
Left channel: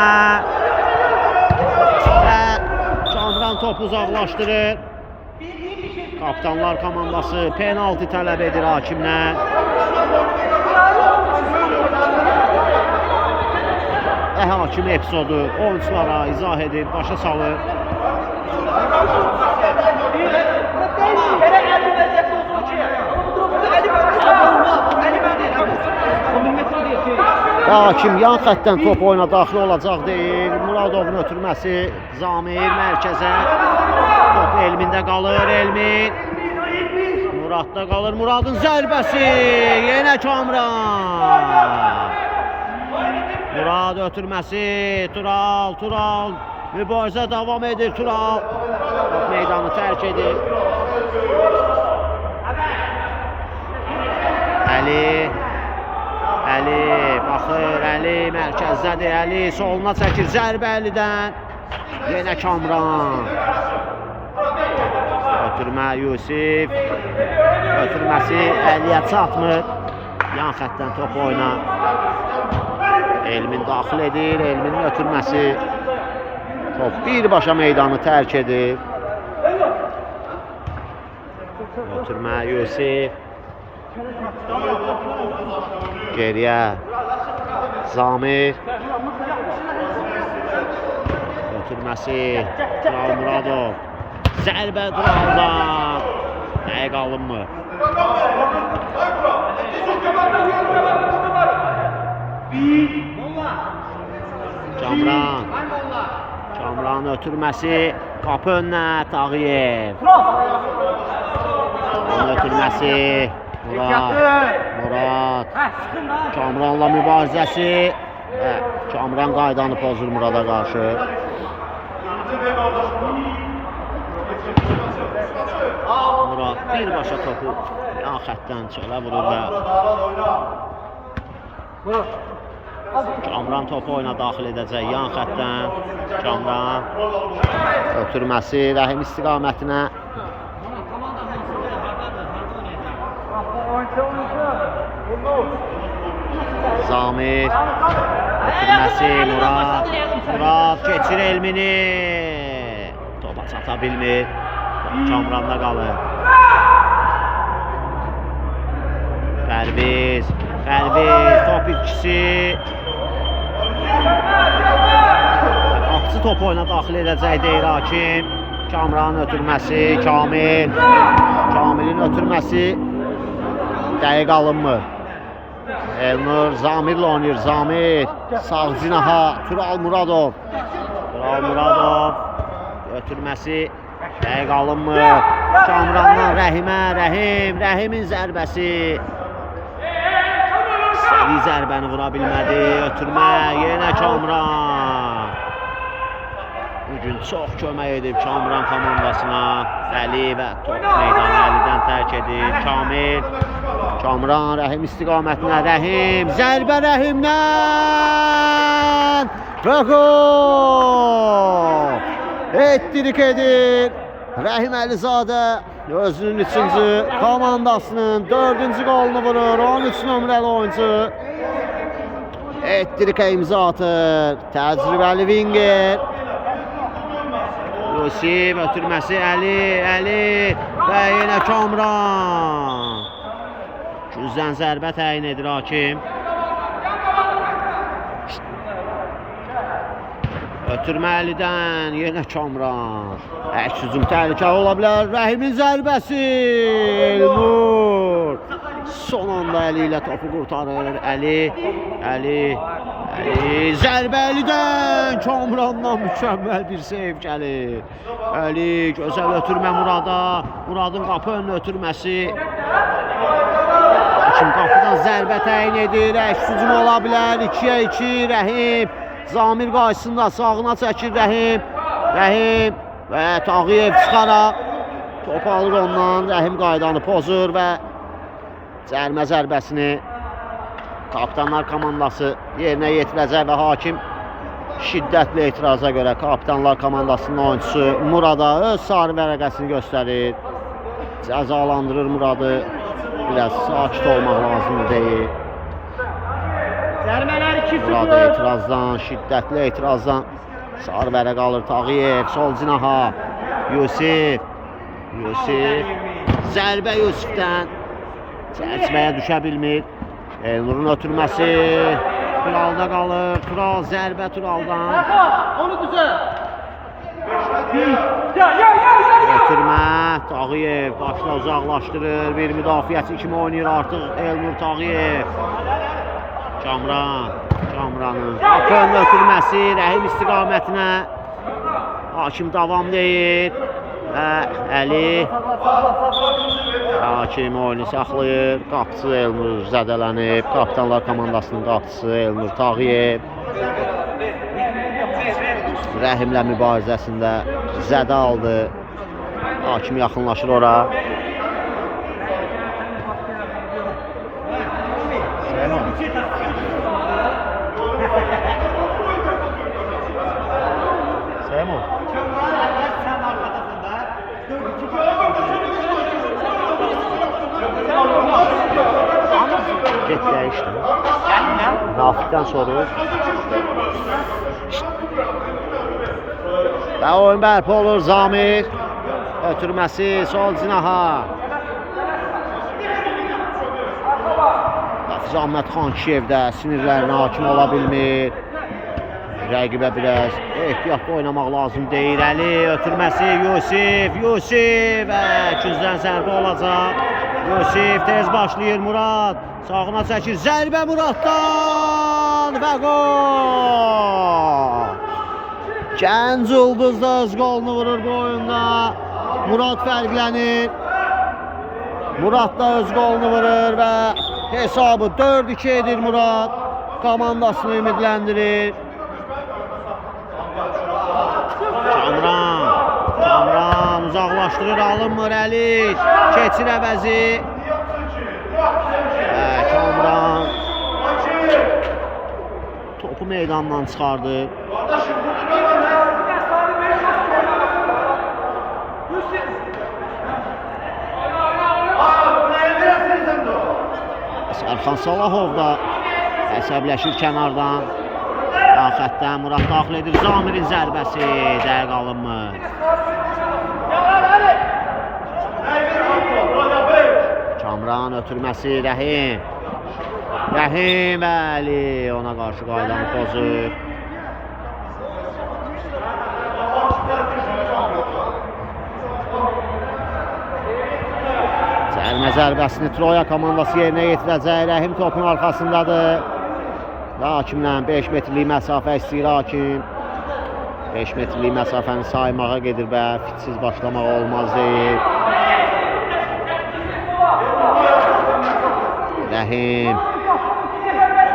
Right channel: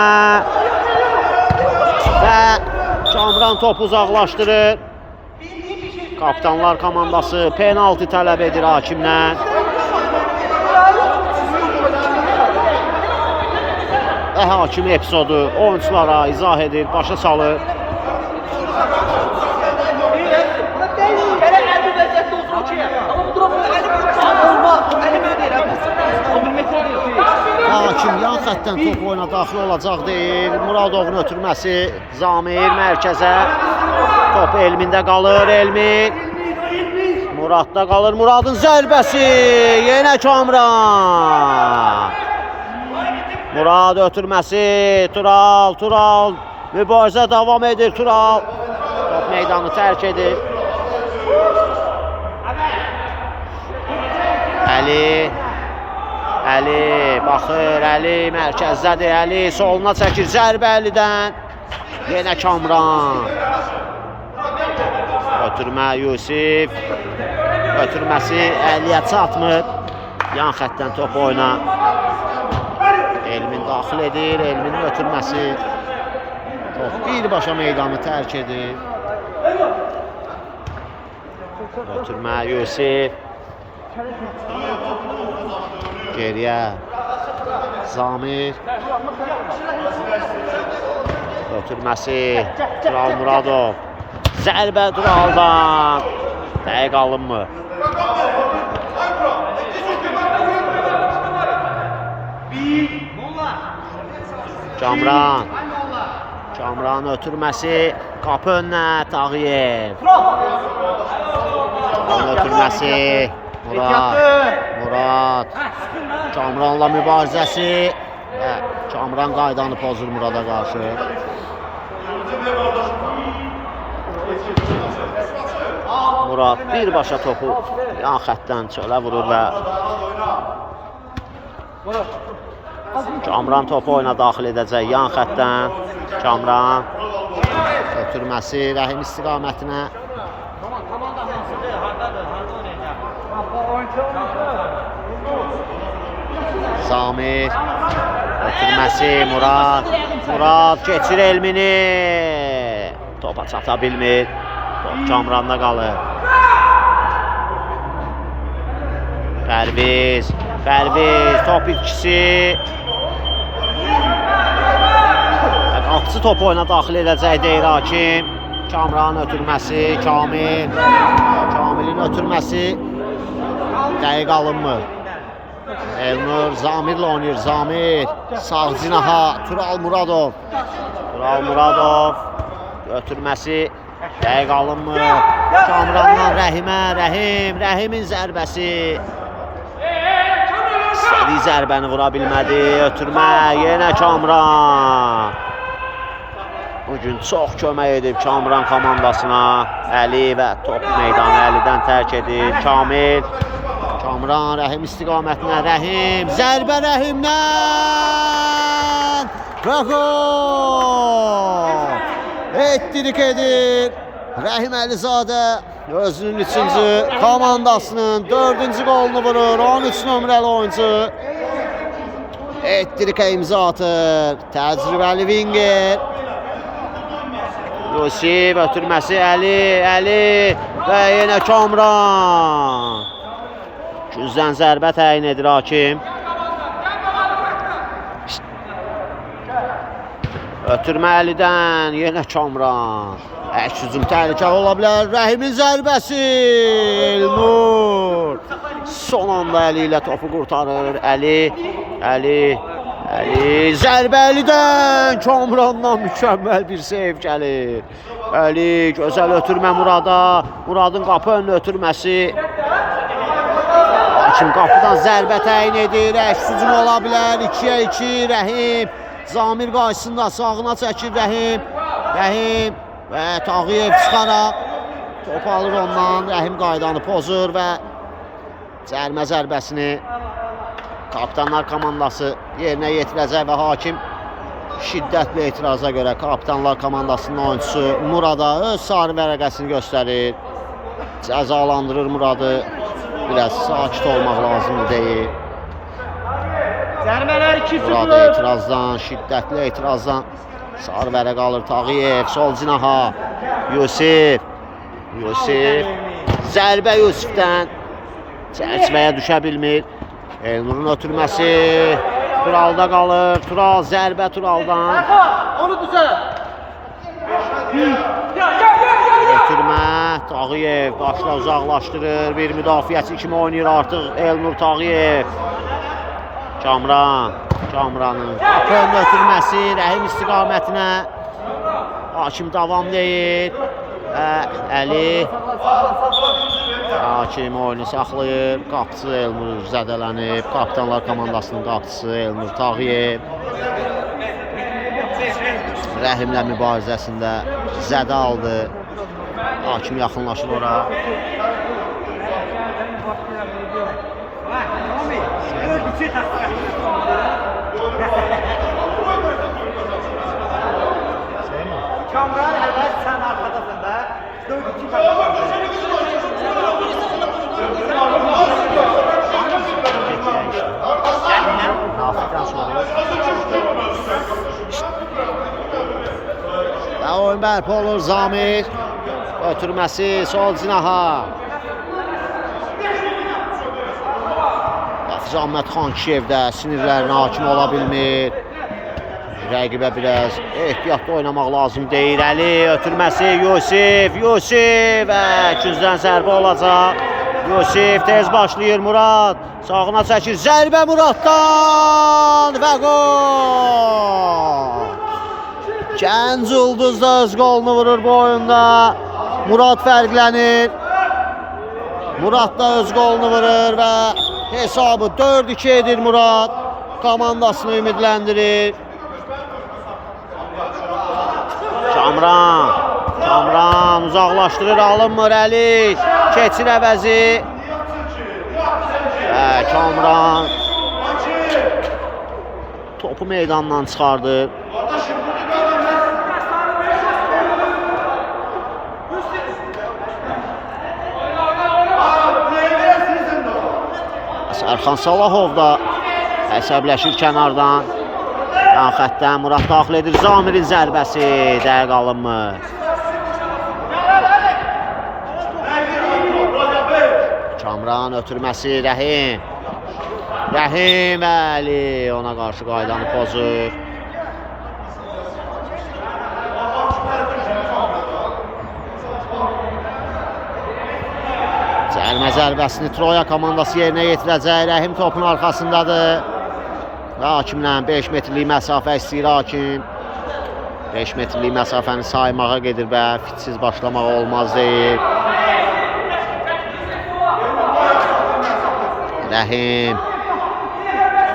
Və Kamran topu uzaqlaşdırır. Kapitanlar komandası penalti tələb edir hakimdən. Və hakim epizodu oyunculara izah edir, başa salır. Hakim yan xətdən top oyuna daxil olacaq deyir. Muradovun ötürməsi, Zamir mərkəzə. Top Elmində qalır, Elmin. Muradda qalır, Muradın zərbəsi. Yenə Kamran. Murad ötürməsi, Tural. Mübarizə davam edir, Tural. Top meydanı tərk edir. Əli baxır, Əli mərkəzdədir, Əli soluna çəkir, zərbə Əlidən. Yenə Kamran. Ötürmə Yusif. Ötürməsi Əliyə çatmır. Yan xətdən top oyna. Elmin daxil edir, Elminin ötürməsi. Top birbaşa meydanı tərk edir. Ötürmə Yusif. Geriyə Zamir. Ötürməsi Tural Muradov. Zərbə Turaldan. Dəqiq alınmır. Kamran ötürməsi, qapı önünə Tağıyev. Onun ötürməsi Murad. Kamranla mübarizəsi və Kamran qaydanı pozur Murada qarşı. Murad birbaşa topu yan xətdən çölə vurur və Kamran topu oyuna daxil edəcək yan xətdən. Kamran ötürməsi Rəhim istiqamətinə. Zamir Ötürməsi Murad. Murad keçir Elmini. Topa çata bilmir. Top Kamranda qalır. Pərviz. Top ikisi. Qapıcı top oyuna daxil edəcək deyir hakim. Kamranın ötürməsi, Kamilin ötürməsi dəqiq alınmır. Elnur Zamirlə oynayır. Zamir sağ cinaha Tural Muradov ötürməsi dəqiq alınmır. Kamrandan Rəhimə, Rəhimin zərbəsi. İstədiyi zərbəni vura bilmədi. Ötürmə yenə Kamran. Bugün çox kömək edib Kamran komandasına. Əli və top meydanı Əlidən tərk edir. Kamran Rəhim istiqamətinə. Rəhim zərbə Rəhimdən və gol! Ettirik edir Rəhim Əlizadə. Özünün 3-cü, komandasının 4-cü qolunu vurur. 13 nömrəli oyuncu Ettirikə imza atır. Təcrübəli winger Yusif ötürməsi Əli və yenə Kamran. Güzdən zərbə təyin edir hakim. Ötürmə Əlidən yenə Kamran. Əks hücum təhlükəli ola bilər. Rəhimin zərbəsi Elnur. Son anda Əli ilə topu qurtarır. Əli zərbə Əlidən. Kamrandan mükəmməl bir seyv gəlir. Əli gözəl ötürmə Murada. Muradın qapı önünə ötürməsi. Hakim qapıdan zərbə təyin edir. Əks hücum ola bilər. 2-yə 2 Rəhim. Zamir qarşısında sağına çəkir Rəhim və Tağıyev çıxaraq top alır ondan. Rəhim qaydanı pozur və cərmə zərbəsini Kapitanlar komandası yerinə yetirəcək və hakim şiddətli etiraza görə Kapitanlar komandasının oyuncusu Murada öz sarı vərəqəsini göstərir. Cəzalandırır Muradı. Biraz sakit olmaq lazımdır deyir. Burada etirazdan, şiddətli etirazdan sarı vərəq alır Tağıyev, sol cinaha Yusif zərbə Yusifdən çərçivəyə düşə bilmir. Elnurun ötürməsi Turalda qalır. Tural zərbə Turaldan. Ötürmə Tağıyev başla uzaqlaşdırır. Bir müdafiəçi kimi oynayır artıq Elnur Tağıyev. Kamranın qapı önünə ötürməsi Rəhim istiqamətinə. Hakim davam deyir və Əli hakim oyunu saxlayır. Qapıcı Elnur zədələnib. Kapitanlar komandasının qapıcısı Elnur Tağıyev Rəhimlə mübarizəsində zədə aldı. Hakim yaxınlaşır ora. Kamran əvvəl sən arxadasın da. 4-2 Get dəyişdi. Nafikdən sonra və oyun bərpa olur. Zamir ötürməsi sol cinaha. Hafiz Ahmət Xan Kiyevdə sinirlərinə hakim ola bilmir. Rəqibə biraz ehtiyatlı oynamaq lazım deyir. Əli ötürməsi Yusif və güzdən zərbə olacaq. Yusif tez başlayır. Murad sağına çəkir. Zərbə Muraddan və gol! Gənc Ulduz da öz qolunu vurur bu oyunda. Murad fərqlənir. Murad da öz qolunu vurur və hesabı 4-2 edir Murad. Komandasını ümidləndirir. Kamran uzaqlaşdırır, alınmır Əli. Keçir əvəzi. Kamran topu meydandan çıxardı. Sərxan Salahov da əsəbləşir kənardan. Yan xəttdən Murad daxil edir. Zamirin zərbəsi dəqiq alınmır. Kamran ötürməsi Rəhim. Rəhim bəli ona qarşı qaydanı pozur. Cərmə zərbəsini Troya komandası yerinə yetirəcək. Rəhim topun arxasındadır. Və hakimlə 5 metrlik məsafə istəyir hakim. 5 metrlik məsafəni saymağa gedir və fitsiz başlamaq olmaz deyir. Rəhim.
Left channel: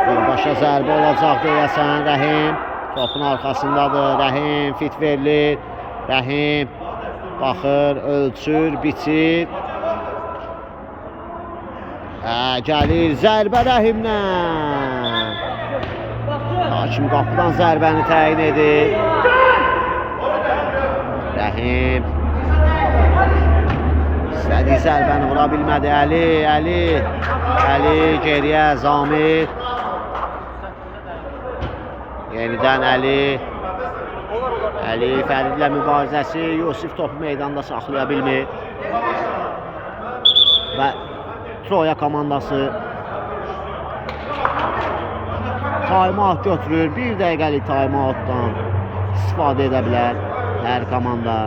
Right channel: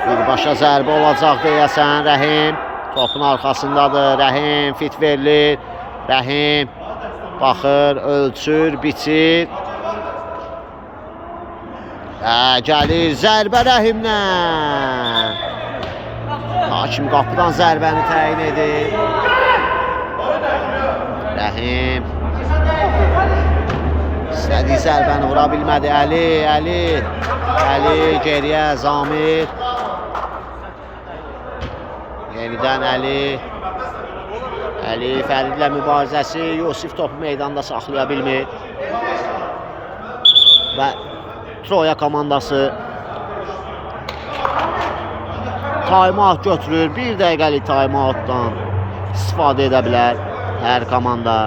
Birbaşa zərbə olacaq deyəsən. Rəhim topun arxasındadır. Rəhim fit verilir. Rəhim baxır, ölçür, biçir. Gəlir zərbə Rəhimdən. Hakim qapıdan zərbəni təyin edir. Rəhim istədiyi zərbəni vura bilmədi. Əli geriyə Zamir. Yenidən Əli Fəridlə mübarizəsi. Yusif topu meydanda saxlaya bilmir. Və Troya komandası taymat götürür. 1 dəqiqəlik taymatdan istifadə edə bilər. Hər komanda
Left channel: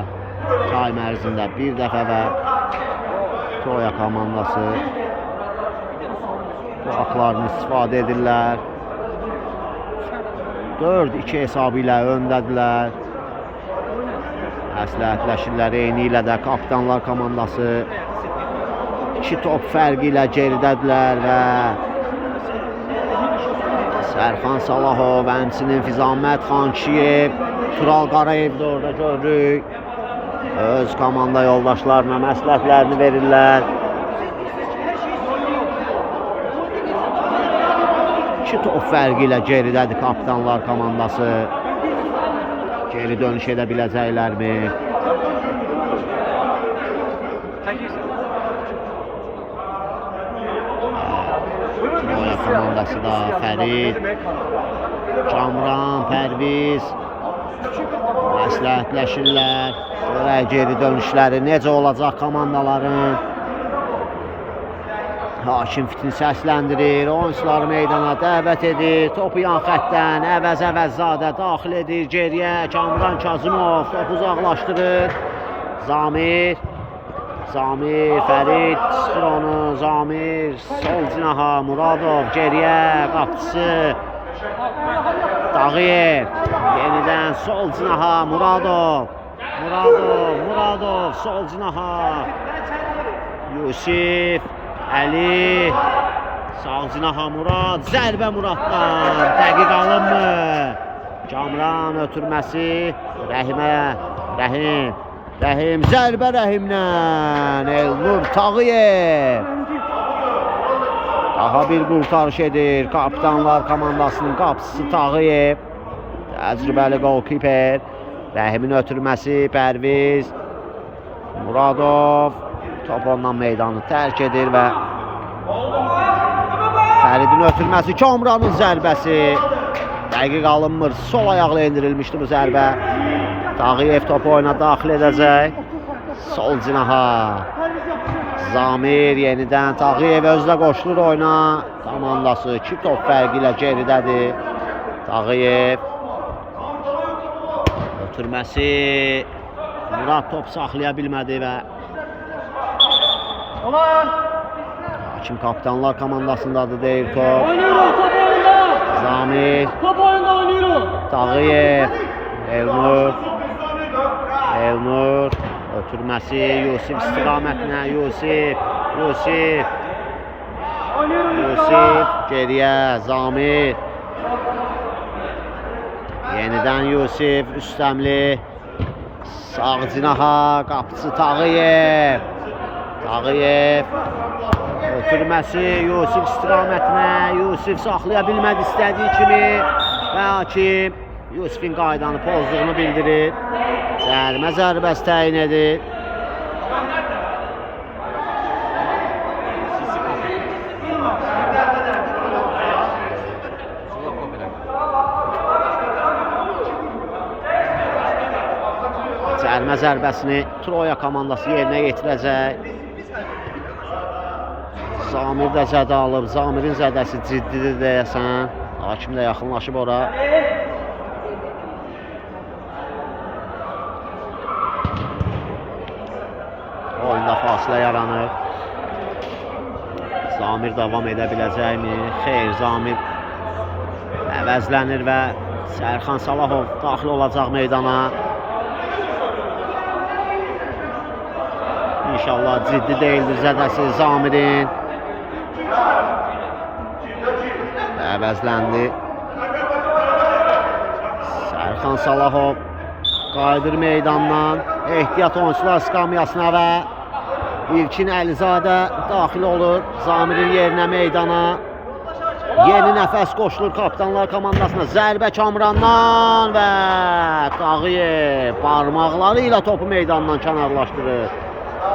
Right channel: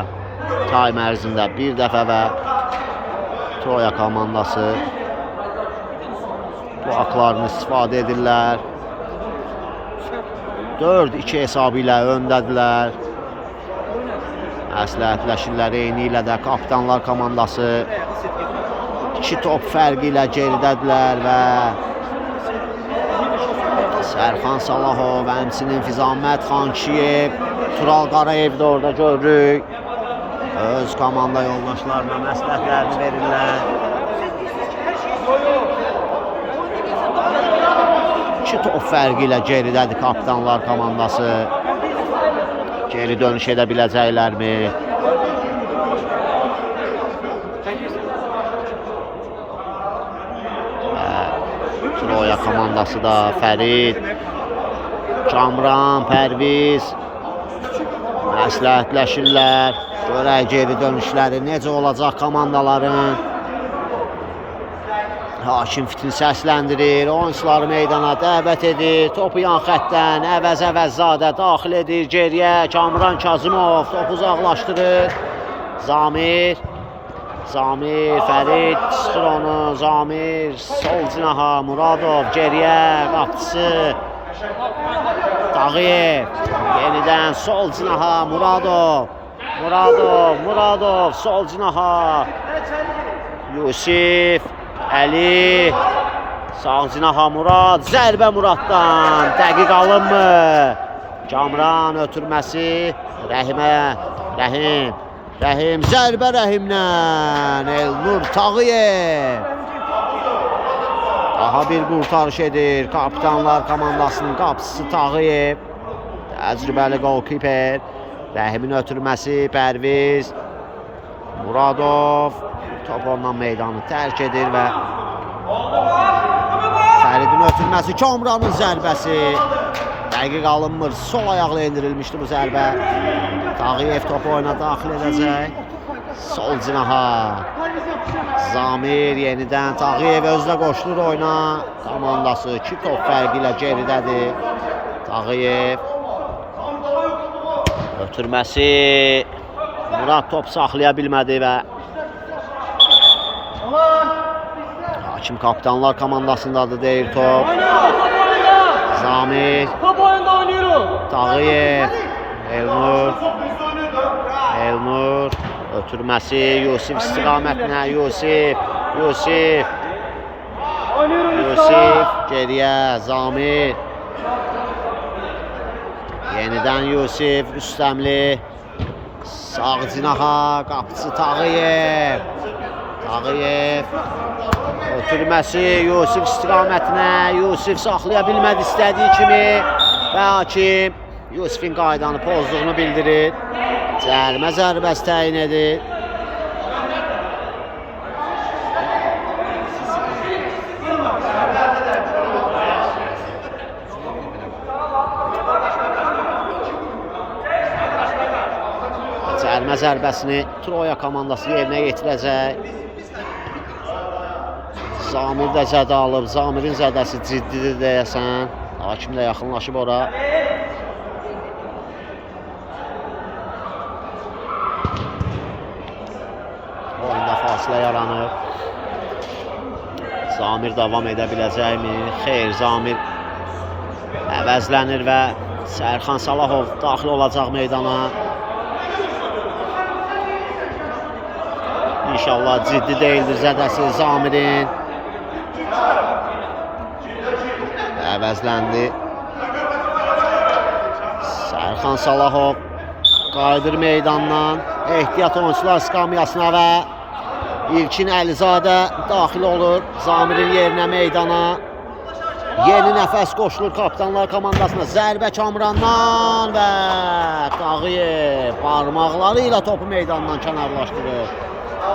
taym ərzində bir dəfə və Troya komandası bu aklarını istifadə edirlər. 4-2 hesabı ilə öndədirlər. Məsləhətləşirlər eyni ilə də kapitanlar komandası 2 top fərqi ilə geridədirlər və Sərxan Salahov, həmçinin Fizamət Xankişiyev, Tural Qarayev də orada görürük. Öz komanda yoldaşlarına məsləhətlərini verirlər. 2 top fərqi ilə geridədir kapitanlar komandası. Geri dönüş edə biləcəklərmi? Troya komandası da Fərid, Kamran, Pərviz məsləhətləşirlər. Görək geri dönüşləri necə olacaq komandaların. Hakim fitini səsləndirir, oyunçuları meydana dəvət edir. Topu yan xəttdən Əvəzzadə daxil edir geriyə. Kamran Kazımov topu uzaqlaşdırır. Zamir, Fərid çıxır onu. Zamir sol cinaha, Muradov geriyə, qapıcısı Dağıyev. Yenidən sol cinaha, Muradov sol cinaha. Yusif, Əli, sağ cinaha Murad, zərbə Muraddan, dəqiq alınmır. Kamran ötürməsi Rəhimə, Rəhim, zərbə Rəhimdən, Elnur Tağıyev. Daha bir qurtarış edir kapitanlar komandasının qapıcısı Tağıyev. Təcrübəli golkiper. Rəhimin ötürməsi Pərviz, Muradov. Top ondan meydanı tərk edir və Fəridin ötürməsi, Kamranın zərbəsi dəqiq alınmır. Sol ayaqla endirilmişdi bu zərbə. Tağıyev topu oyuna daxil edəcək. Sol cinaha Zamir yenidən Tağıyev özdə qoşulur oyuna. Komandası 2 top fərqi ilə geridədir. Tağıyev ötürməsi, Murad top saxlaya bilmədi və hakim kapitanlar komandasındadır deyir top. Zamir, Tağıyev, Elnur ötürməsi, Yusif istiqamətinə, Yusif geriyə, Zamir. Yenidən Yusif, Rüstəmli, sağ cinaha, qapıcı Tağıyev. Ötürməsi Yusif istiqamətinə, Yusif saxlaya bilmədi istədiyi kimi və hakim Yusifin qaydanı pozduğunu bildirir. Cərimə zərbəsi təyin edir. Cərimə zərbəsini Troya komandası yerinə yetirəcək. Zamir də zədə alıb. Zamirin zədəsi ciddidir deyəsən. Hakim də yaxınlaşıb ora. Oyunda fasilə yaranıb. Zamir davam edə biləcəkmi? Xeyr, Zamir əvəzlənir və Sərxan Salahov daxil olacaq meydana. İnşallah ciddi deyildir zədəsi Zamirin. Əvəzləndi. Sərxan Salahov qayıdır meydandan. Ehtiyat oyuncular skamyasına və İlkin Əlizadə daxil olur Zamirin yerinə meydana. Yeni nəfəs qoşulur kapitanlar komandasına. Zərbə Kamrandan və Tağıyev barmaqları ilə topu meydandan kənarlaşdırır.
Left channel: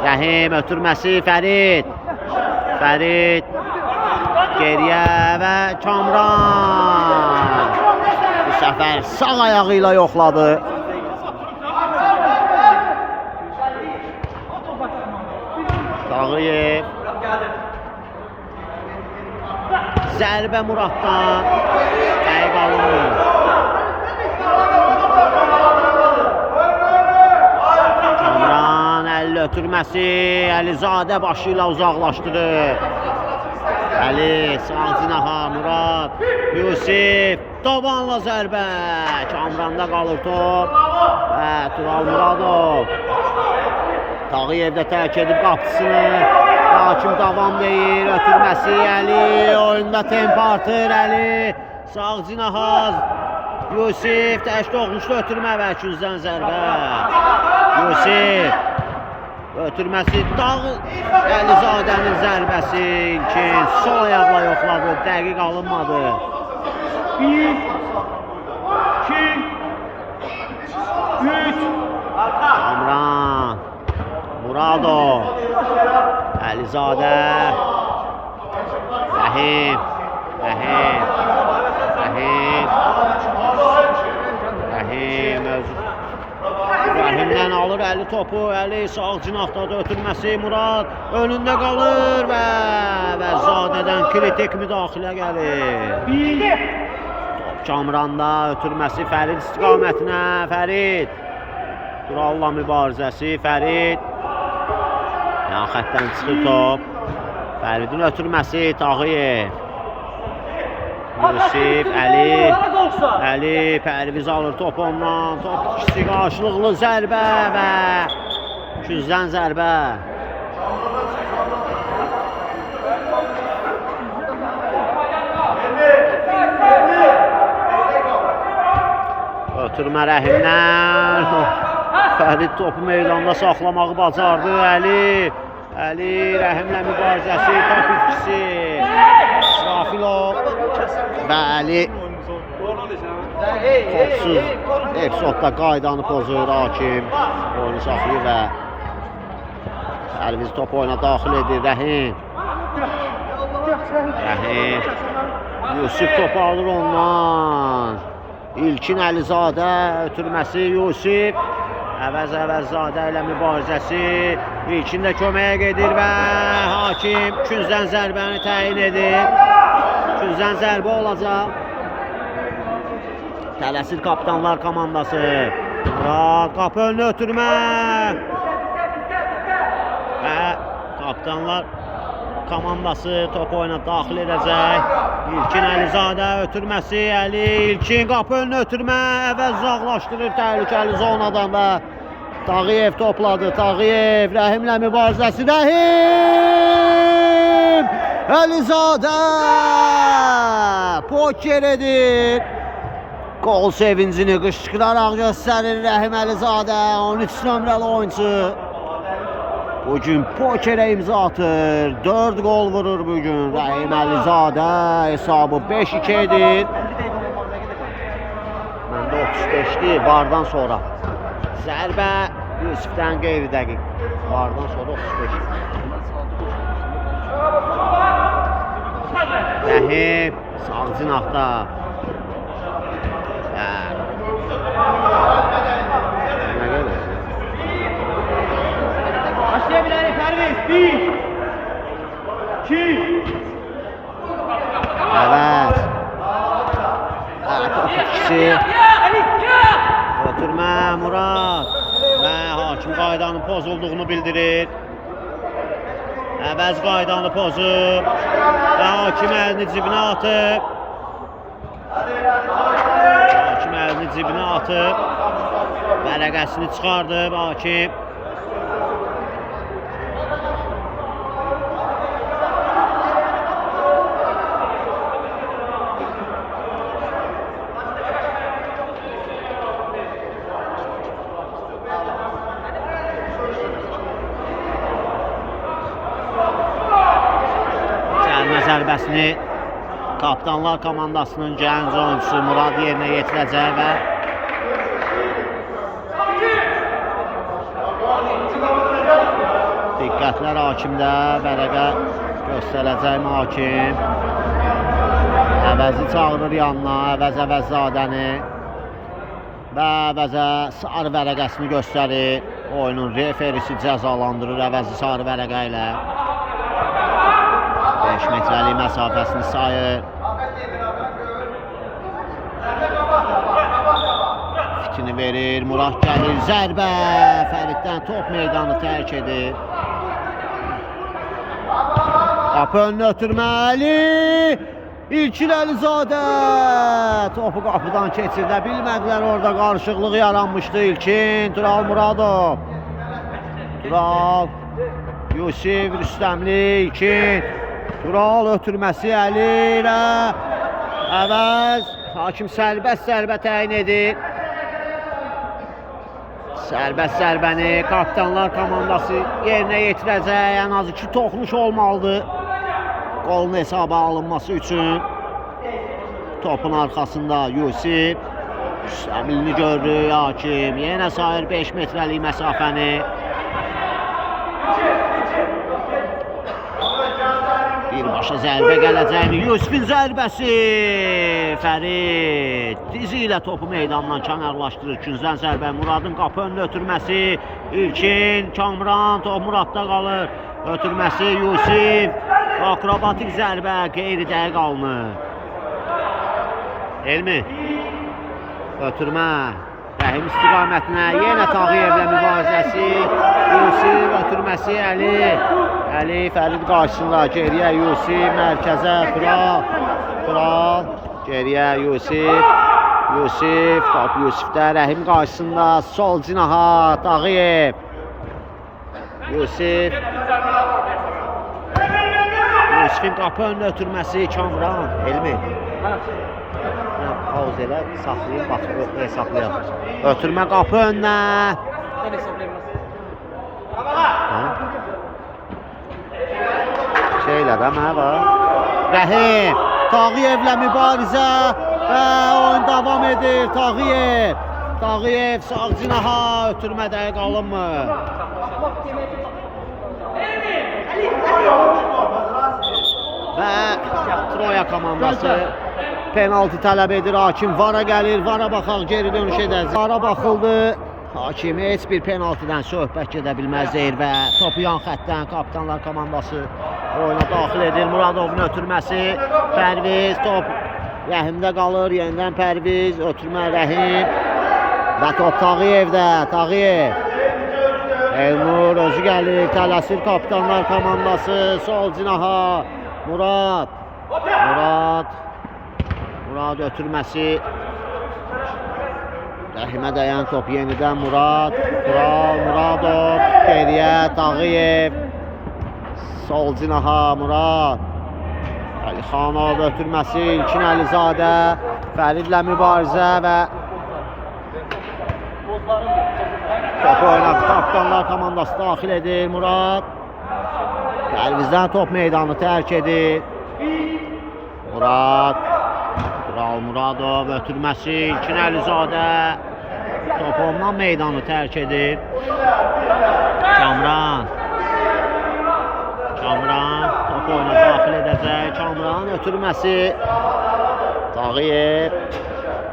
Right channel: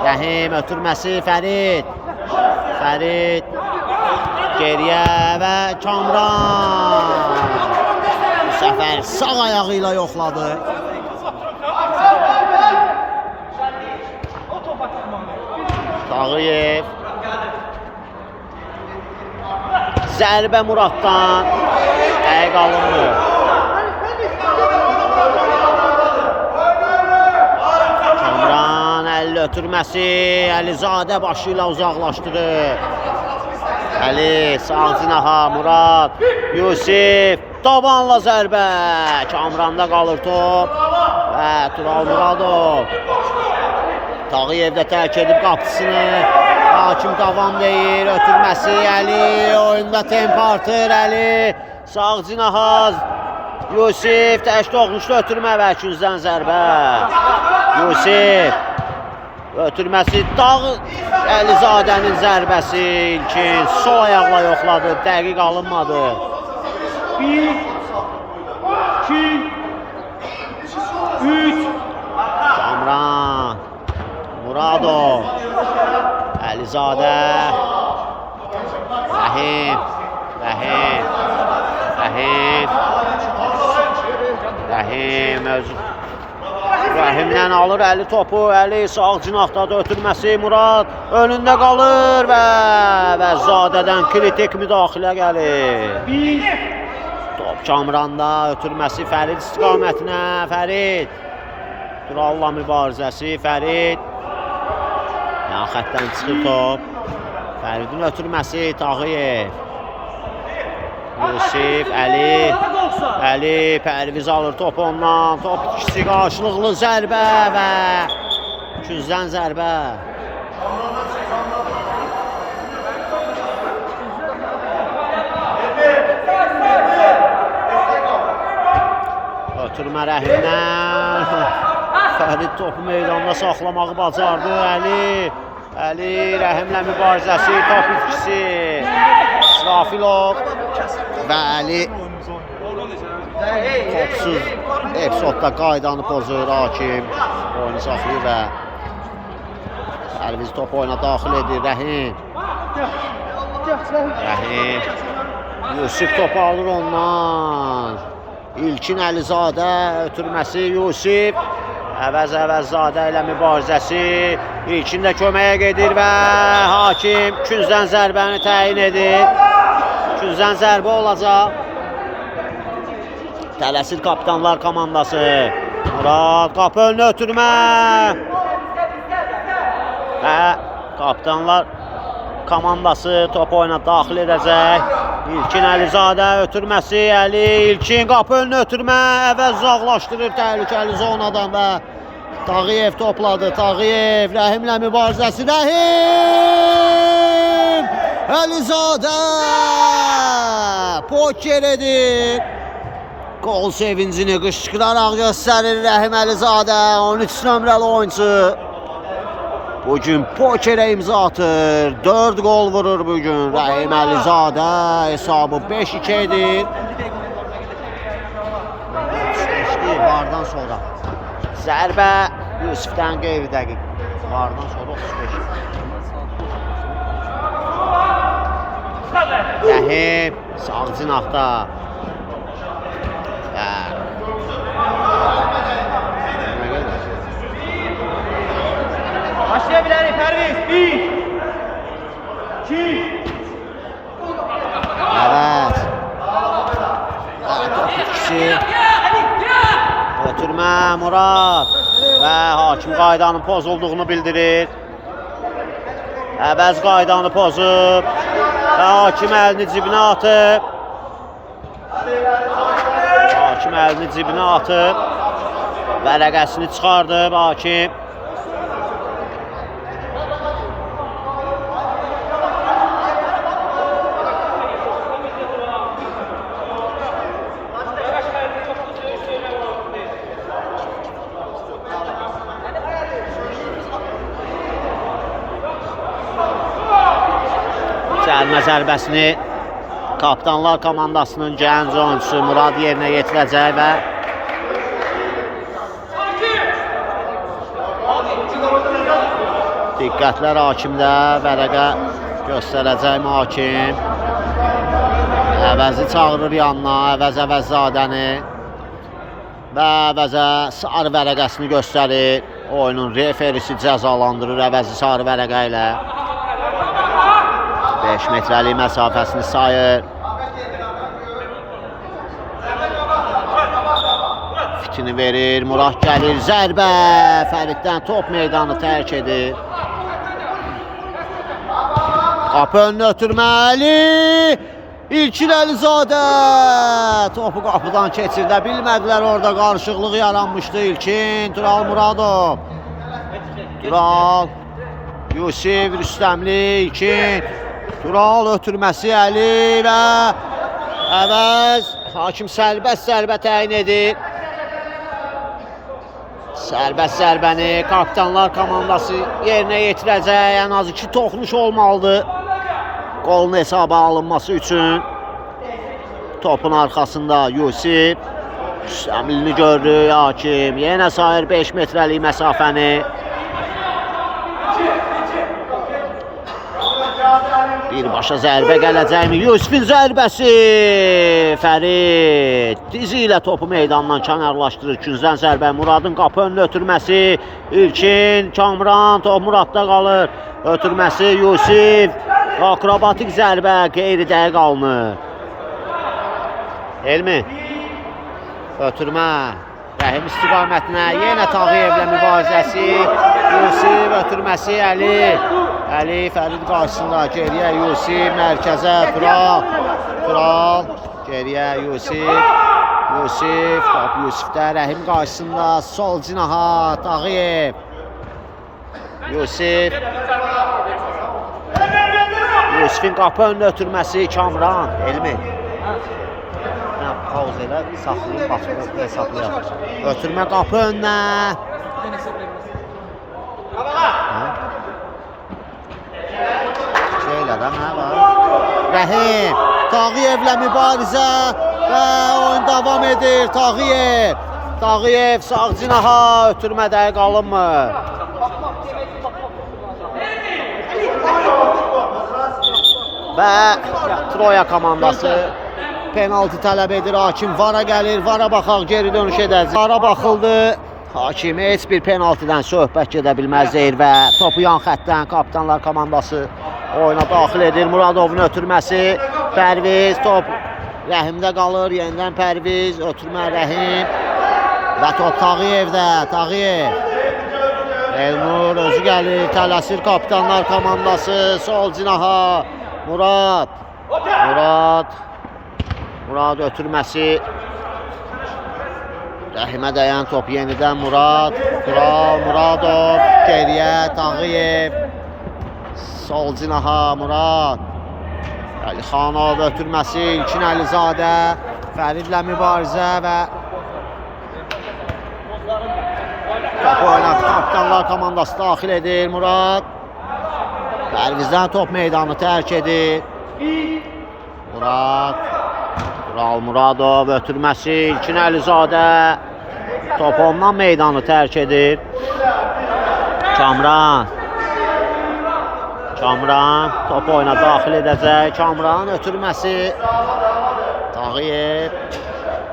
Rəhim ötürməsi Fərid. Fərid geriyə və Kamran bu səfər sağ ayağı ilə yoxladı. Tağıyev. Zərbə Muraddan. Dəqiq alınmır. Kamran əlli ötürməsi. Əlizadə başı ilə uzaqlaşdırır. Əli sağ cinaha Murad. Yusif tabanla zərbə. Kamranda qalır top. Və Tural Muradov. Tağıyev də tərk edib qapısını. Hakim davam deyir. Ötürməsi Əli. Oyunda temp artır Əli. Sağ cinahaz. Yusif təş doğmuşdu ötürmə və küzdən zərbə. Yusif. Ötürməsi Əlizadənin zərbəsi. İlkin sol ayaqla yoxladı. Dəqiq alınmadı. 1, 2, 3. Kamran. Muradov. Əlizadə. Rəhim. Rəhim. Rəhim. Rəhim özü. Rəhimdən alır Əli topu. Əli sağ cinahdadır ötürməsi. Murad önündə qalır və Zadədən kritik müdaxilə gəlir. Top Kamranda ötürməsi Fərid istiqamətinə. Fərid. Turalla mübarizəsi. Fərid. Yan xəttdən çıxır top. Fəridin ötürməsi Tağıyev. Yusif, Əli. Əli Pərviz alır top ondan. Top ikisi qarşılıqlı zərbə və küzdən zərbə. Ötürmə Rəhimdən. Fərid topu meydanda saxlamağı bacardı. Əli. Əli Rəhimlə mübarizəsi. Top ikisi. İsrafilov və Əli. Topsuz epizodda qaydanı pozur Hakim. Oyunu saxlayır və Pərviz top oyuna daxil edir. Rəhim. Rəhim. Yusif topu alır ondan. İlkin Əlizadə ötürməsi Yusif. Əvəz-Əvəzzadə ilə mübarizəsi. İlkin də köməyə gedir və Hakim küzdən zərbəni təyin edir. Küzdən zərbə olacaq. Tələsir kapitanlar komandası. Murad qapı önünə ötürmə. Və kapitanlar komandası top oyuna daxil edəcək. İlkin Əlizadə ötürməsi Əli. İlkin qapı önünə ötürmə. Əvəz uzaqlaşdırır təhlükəli zonadan və Tağıyev topladı. Tağıyev Rəhimlə mübarizəsi. Rəhim! Əlizadə! Poker edir. Qol sevincini qışqıraraq göstərir Rəhim Əlizadə. 13 nömrəli oyuncu. Bugün pokerə imza atır. 4 gol vurur bugün Rəhim Əlizadə. Hesabı 5-2 edir. Məndə 35'dir vardan sonra. Zərbə Yusifdən qeyri dəqiq. Vardan sonra 35. Rəhim sağ cinahda. Nə qədər? Başla bilərik Pərviz. 1 2 Əvəz. Top itkisi. Ötürmə Murad. Və hakim qaydanın pozulduğunu bildirir. Əvəz qaydanı pozub. Və hakim əlini cibinə atıb. Hakim əlini cibinə atıb. Vərəqəsini çıxardıb hakim. Cəlmə zərbəsini Kapitanlar komandasının gənc oyuncusu Murad yerinə yetirəcək və diqqətlər hakimdə, vərəqə göstərəcək hakim. Əvəzi çağırır yanına, Əvəzadəni və Əvəzə sarı vərəqəsini göstərir. Oyunun referisi cəzalandırır Əvəzi sarı vərəqə ilə. 5 metrəlik məsafəsini sayır. Fitini verir, Murad gəlir, zərbə. Fəriddən top meydanı tərk edir. Qapı önünə ötürməli. İlkin Əlizadə. Topu qapıdan keçirdə bilmədilər, orada qarışıqlıq yaranmışdı. İlkin, Tural Muradov. Tural, Yusif, Rüstəmli, İlkin. Tural ötürməsi Əli və Əvəz. Hakim sərbəst zərbə təyin edir. Sərbəst zərbəni Kapitanlar komandası yerinə yetirəcək. Ən az 2 toxunuş olmalıdır qolun hesaba alınması üçün. Topun arxasında Yusif. Rüstəmlini görür hakim. Yenə sayır 5 metrəlik məsafəni. Birbaşa zərbə gələcəkmi? Yusifin zərbəsi. Fərid dizi ilə topu meydandan kənarlaşdırır. İkinciden zərbə Muradın qapı önünə ötürməsi. İlkin, Kamran, top Muradda qalır. Ötürməsi Yusif. Akrobatik zərbə qeyri dəqiq alınır. Elmi. Ötürmə. Rəhim istiqamətinə yenə Tağıyevlə mübarizəsi. Yusif ötürməsi Əli. Əli Fərid qarşısında geriyə Yusif, mərkəzə Tural. Tural geriyə Yusif. Yusif, top Yusifdə, Rəhim qarşısında sol cinaha Tağıyev. Yusif. Yusifin qapı önünə ötürməsi Kamran. Elmi. Pauz elə saxlayıb baxıb hesablayaq. Ötürmə qapı önünə. Şeylə də mənə var. Rəhim. Tağıyevlə mübarizə və oyun davam edir. Tağıyev. Tağıyev sağ cinaha ötürmə dəqiq alınmır. Və Troya komandası penaltı tələb edir. Hakim VAR-a gəlir. VAR-a baxaq, geri dönüş edəcək. VAR-a baxıldı. Hakim heç bir penaltıdan söhbət gedə bilməz deyir və topu yan xəttdən Kapitanlar komandası oyuna daxil edir. Muradovun ötürməsi. Pərviz, top Rəhimdə qalır. Yenidən Pərviz, ötürmə Rəhim. Və top Tağıyevdə. Tağıyev. Elnur özü gəlir. Tələsir Kapitanlar komandası. Sol cinaha. Murad. Murad ötürməsi. Rəhimə dəyən top yenidən Murad. Tural, Muradov. Geriyə Tağıyev. Sol cinaha Murad. Əlixanov ötürməsi. İlkin Əlizadə. Fəridlə mübarizə və topu oynatdı. Kapitanlar komandası daxil edir. Murad. Pərvizdən top meydanı tərk edir. Murad. Tural Muradov ötürməsi. İlkin Əlizadə. Top ondan meydanı tərk edir. Kamran top oyuna daxil edəcək. Kamran ötürməsi. Tağıyev.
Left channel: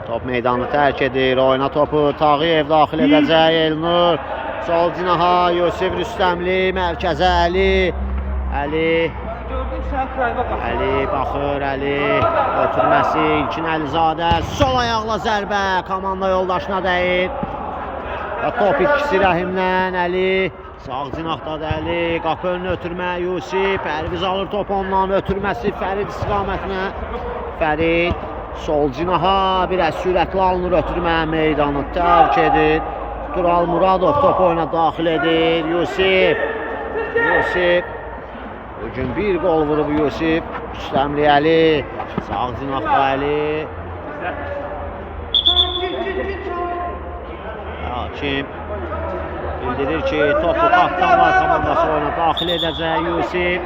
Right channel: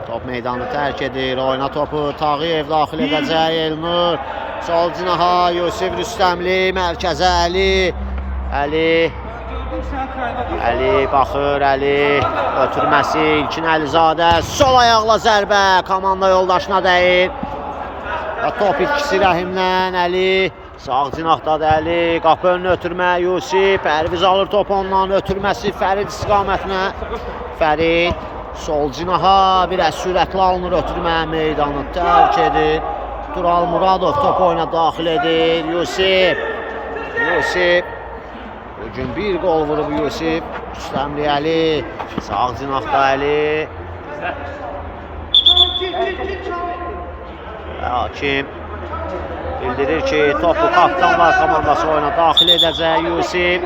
Top meydanı tərk edir. Oyuna topu Tağıyev daxil edəcək. Elnur. Sol cinaha Yusif Rüstəmli, mərkəzə Əli. Əli. Əli baxır, Əli ötürməsi, İlkin Əlizadə. Sol ayaqla zərbə, komanda yoldaşına dəyir. Və top itkisi Rəhimdən, Əli. Sağ cinahdadır Əli, qapı önünə ötürmə Yusif. Pərviz alır top ondan, ötürməsi Fərid istiqamətinə. Fərid sol cinaha biraz sürətli alınır, ötürmə meydanı tərk edir. Tural Muradov top oyuna daxil edir. Yusif. Bugün bir gol vurub Yusif. Rüstəmli Əli. Sağ cinahda Əli. Hakim bildirir ki, topu Kaptanlar komandası oyuna daxil edəcək. Yusif.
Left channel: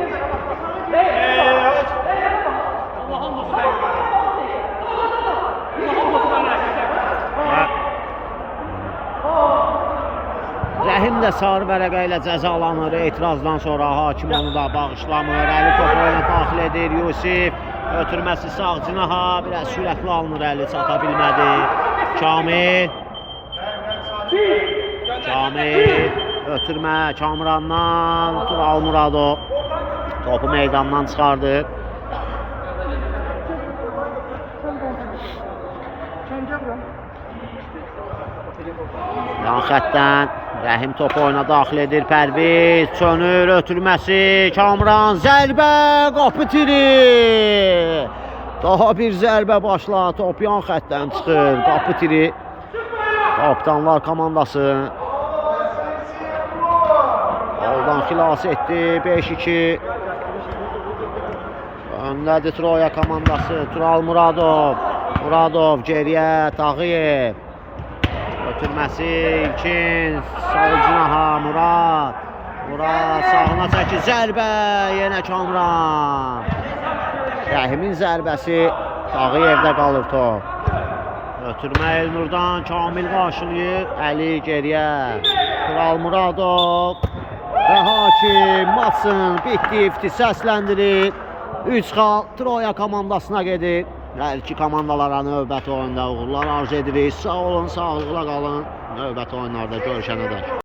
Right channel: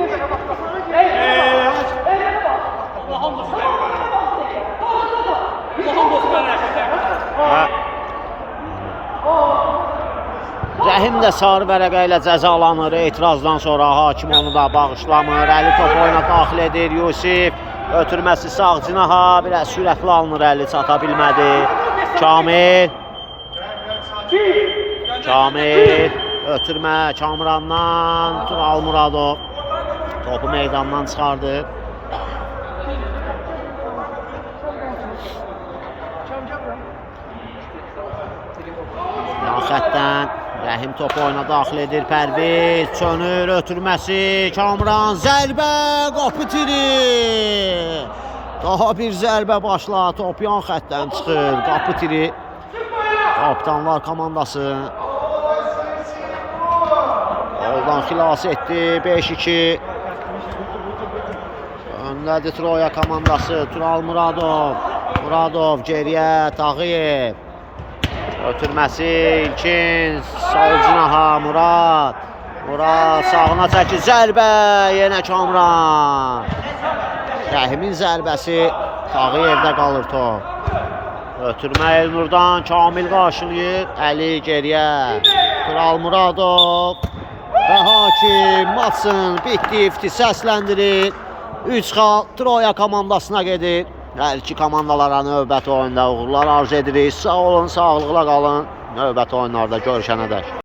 Rəhim də sarı vərəqə ilə cəzalanır. Etirazdan sonra hakim onu da bağışlamır. Əli top oyuna daxil edir. Yusif ötürməsi sağ cinaha, biraz sürətli alınır, Əli çata bilmədi. Kamil ötürmə Kamrandan, Tural Muradov topu meydandan çıxardı. Yan xəttdən Rəhim topu oyuna daxil edir. Pərviz çönür, ötürməsi Kamran, zərbə, qapı tiri. Daha bir zərbə başla, top yan xəttdən çıxır, qapı tiri. Kaptanlar komandası goldan xilas etdi. 5-2 öndədir Troya komandası. Tural Muradov geriyə, Tağıyev ötürməsi İlkin, sol cinaha Murad sağına çəkir, zərbə yenə Kamran. Rəhimin zərbəsi, Tağıyevdə qalır top. Ötürmə Elnurdan, Kamil qarşılayır, Əli geriyə, Tural Muradov və hakim maçın bitdi, səsləndirir. 3 xal Troya komandasına gedir. Hər iki komandalara növbəti oyunda uğurlar arzu edirik. Sağ olun, sağlıqla qalın. Növbəti oyunlarda görüşənədək.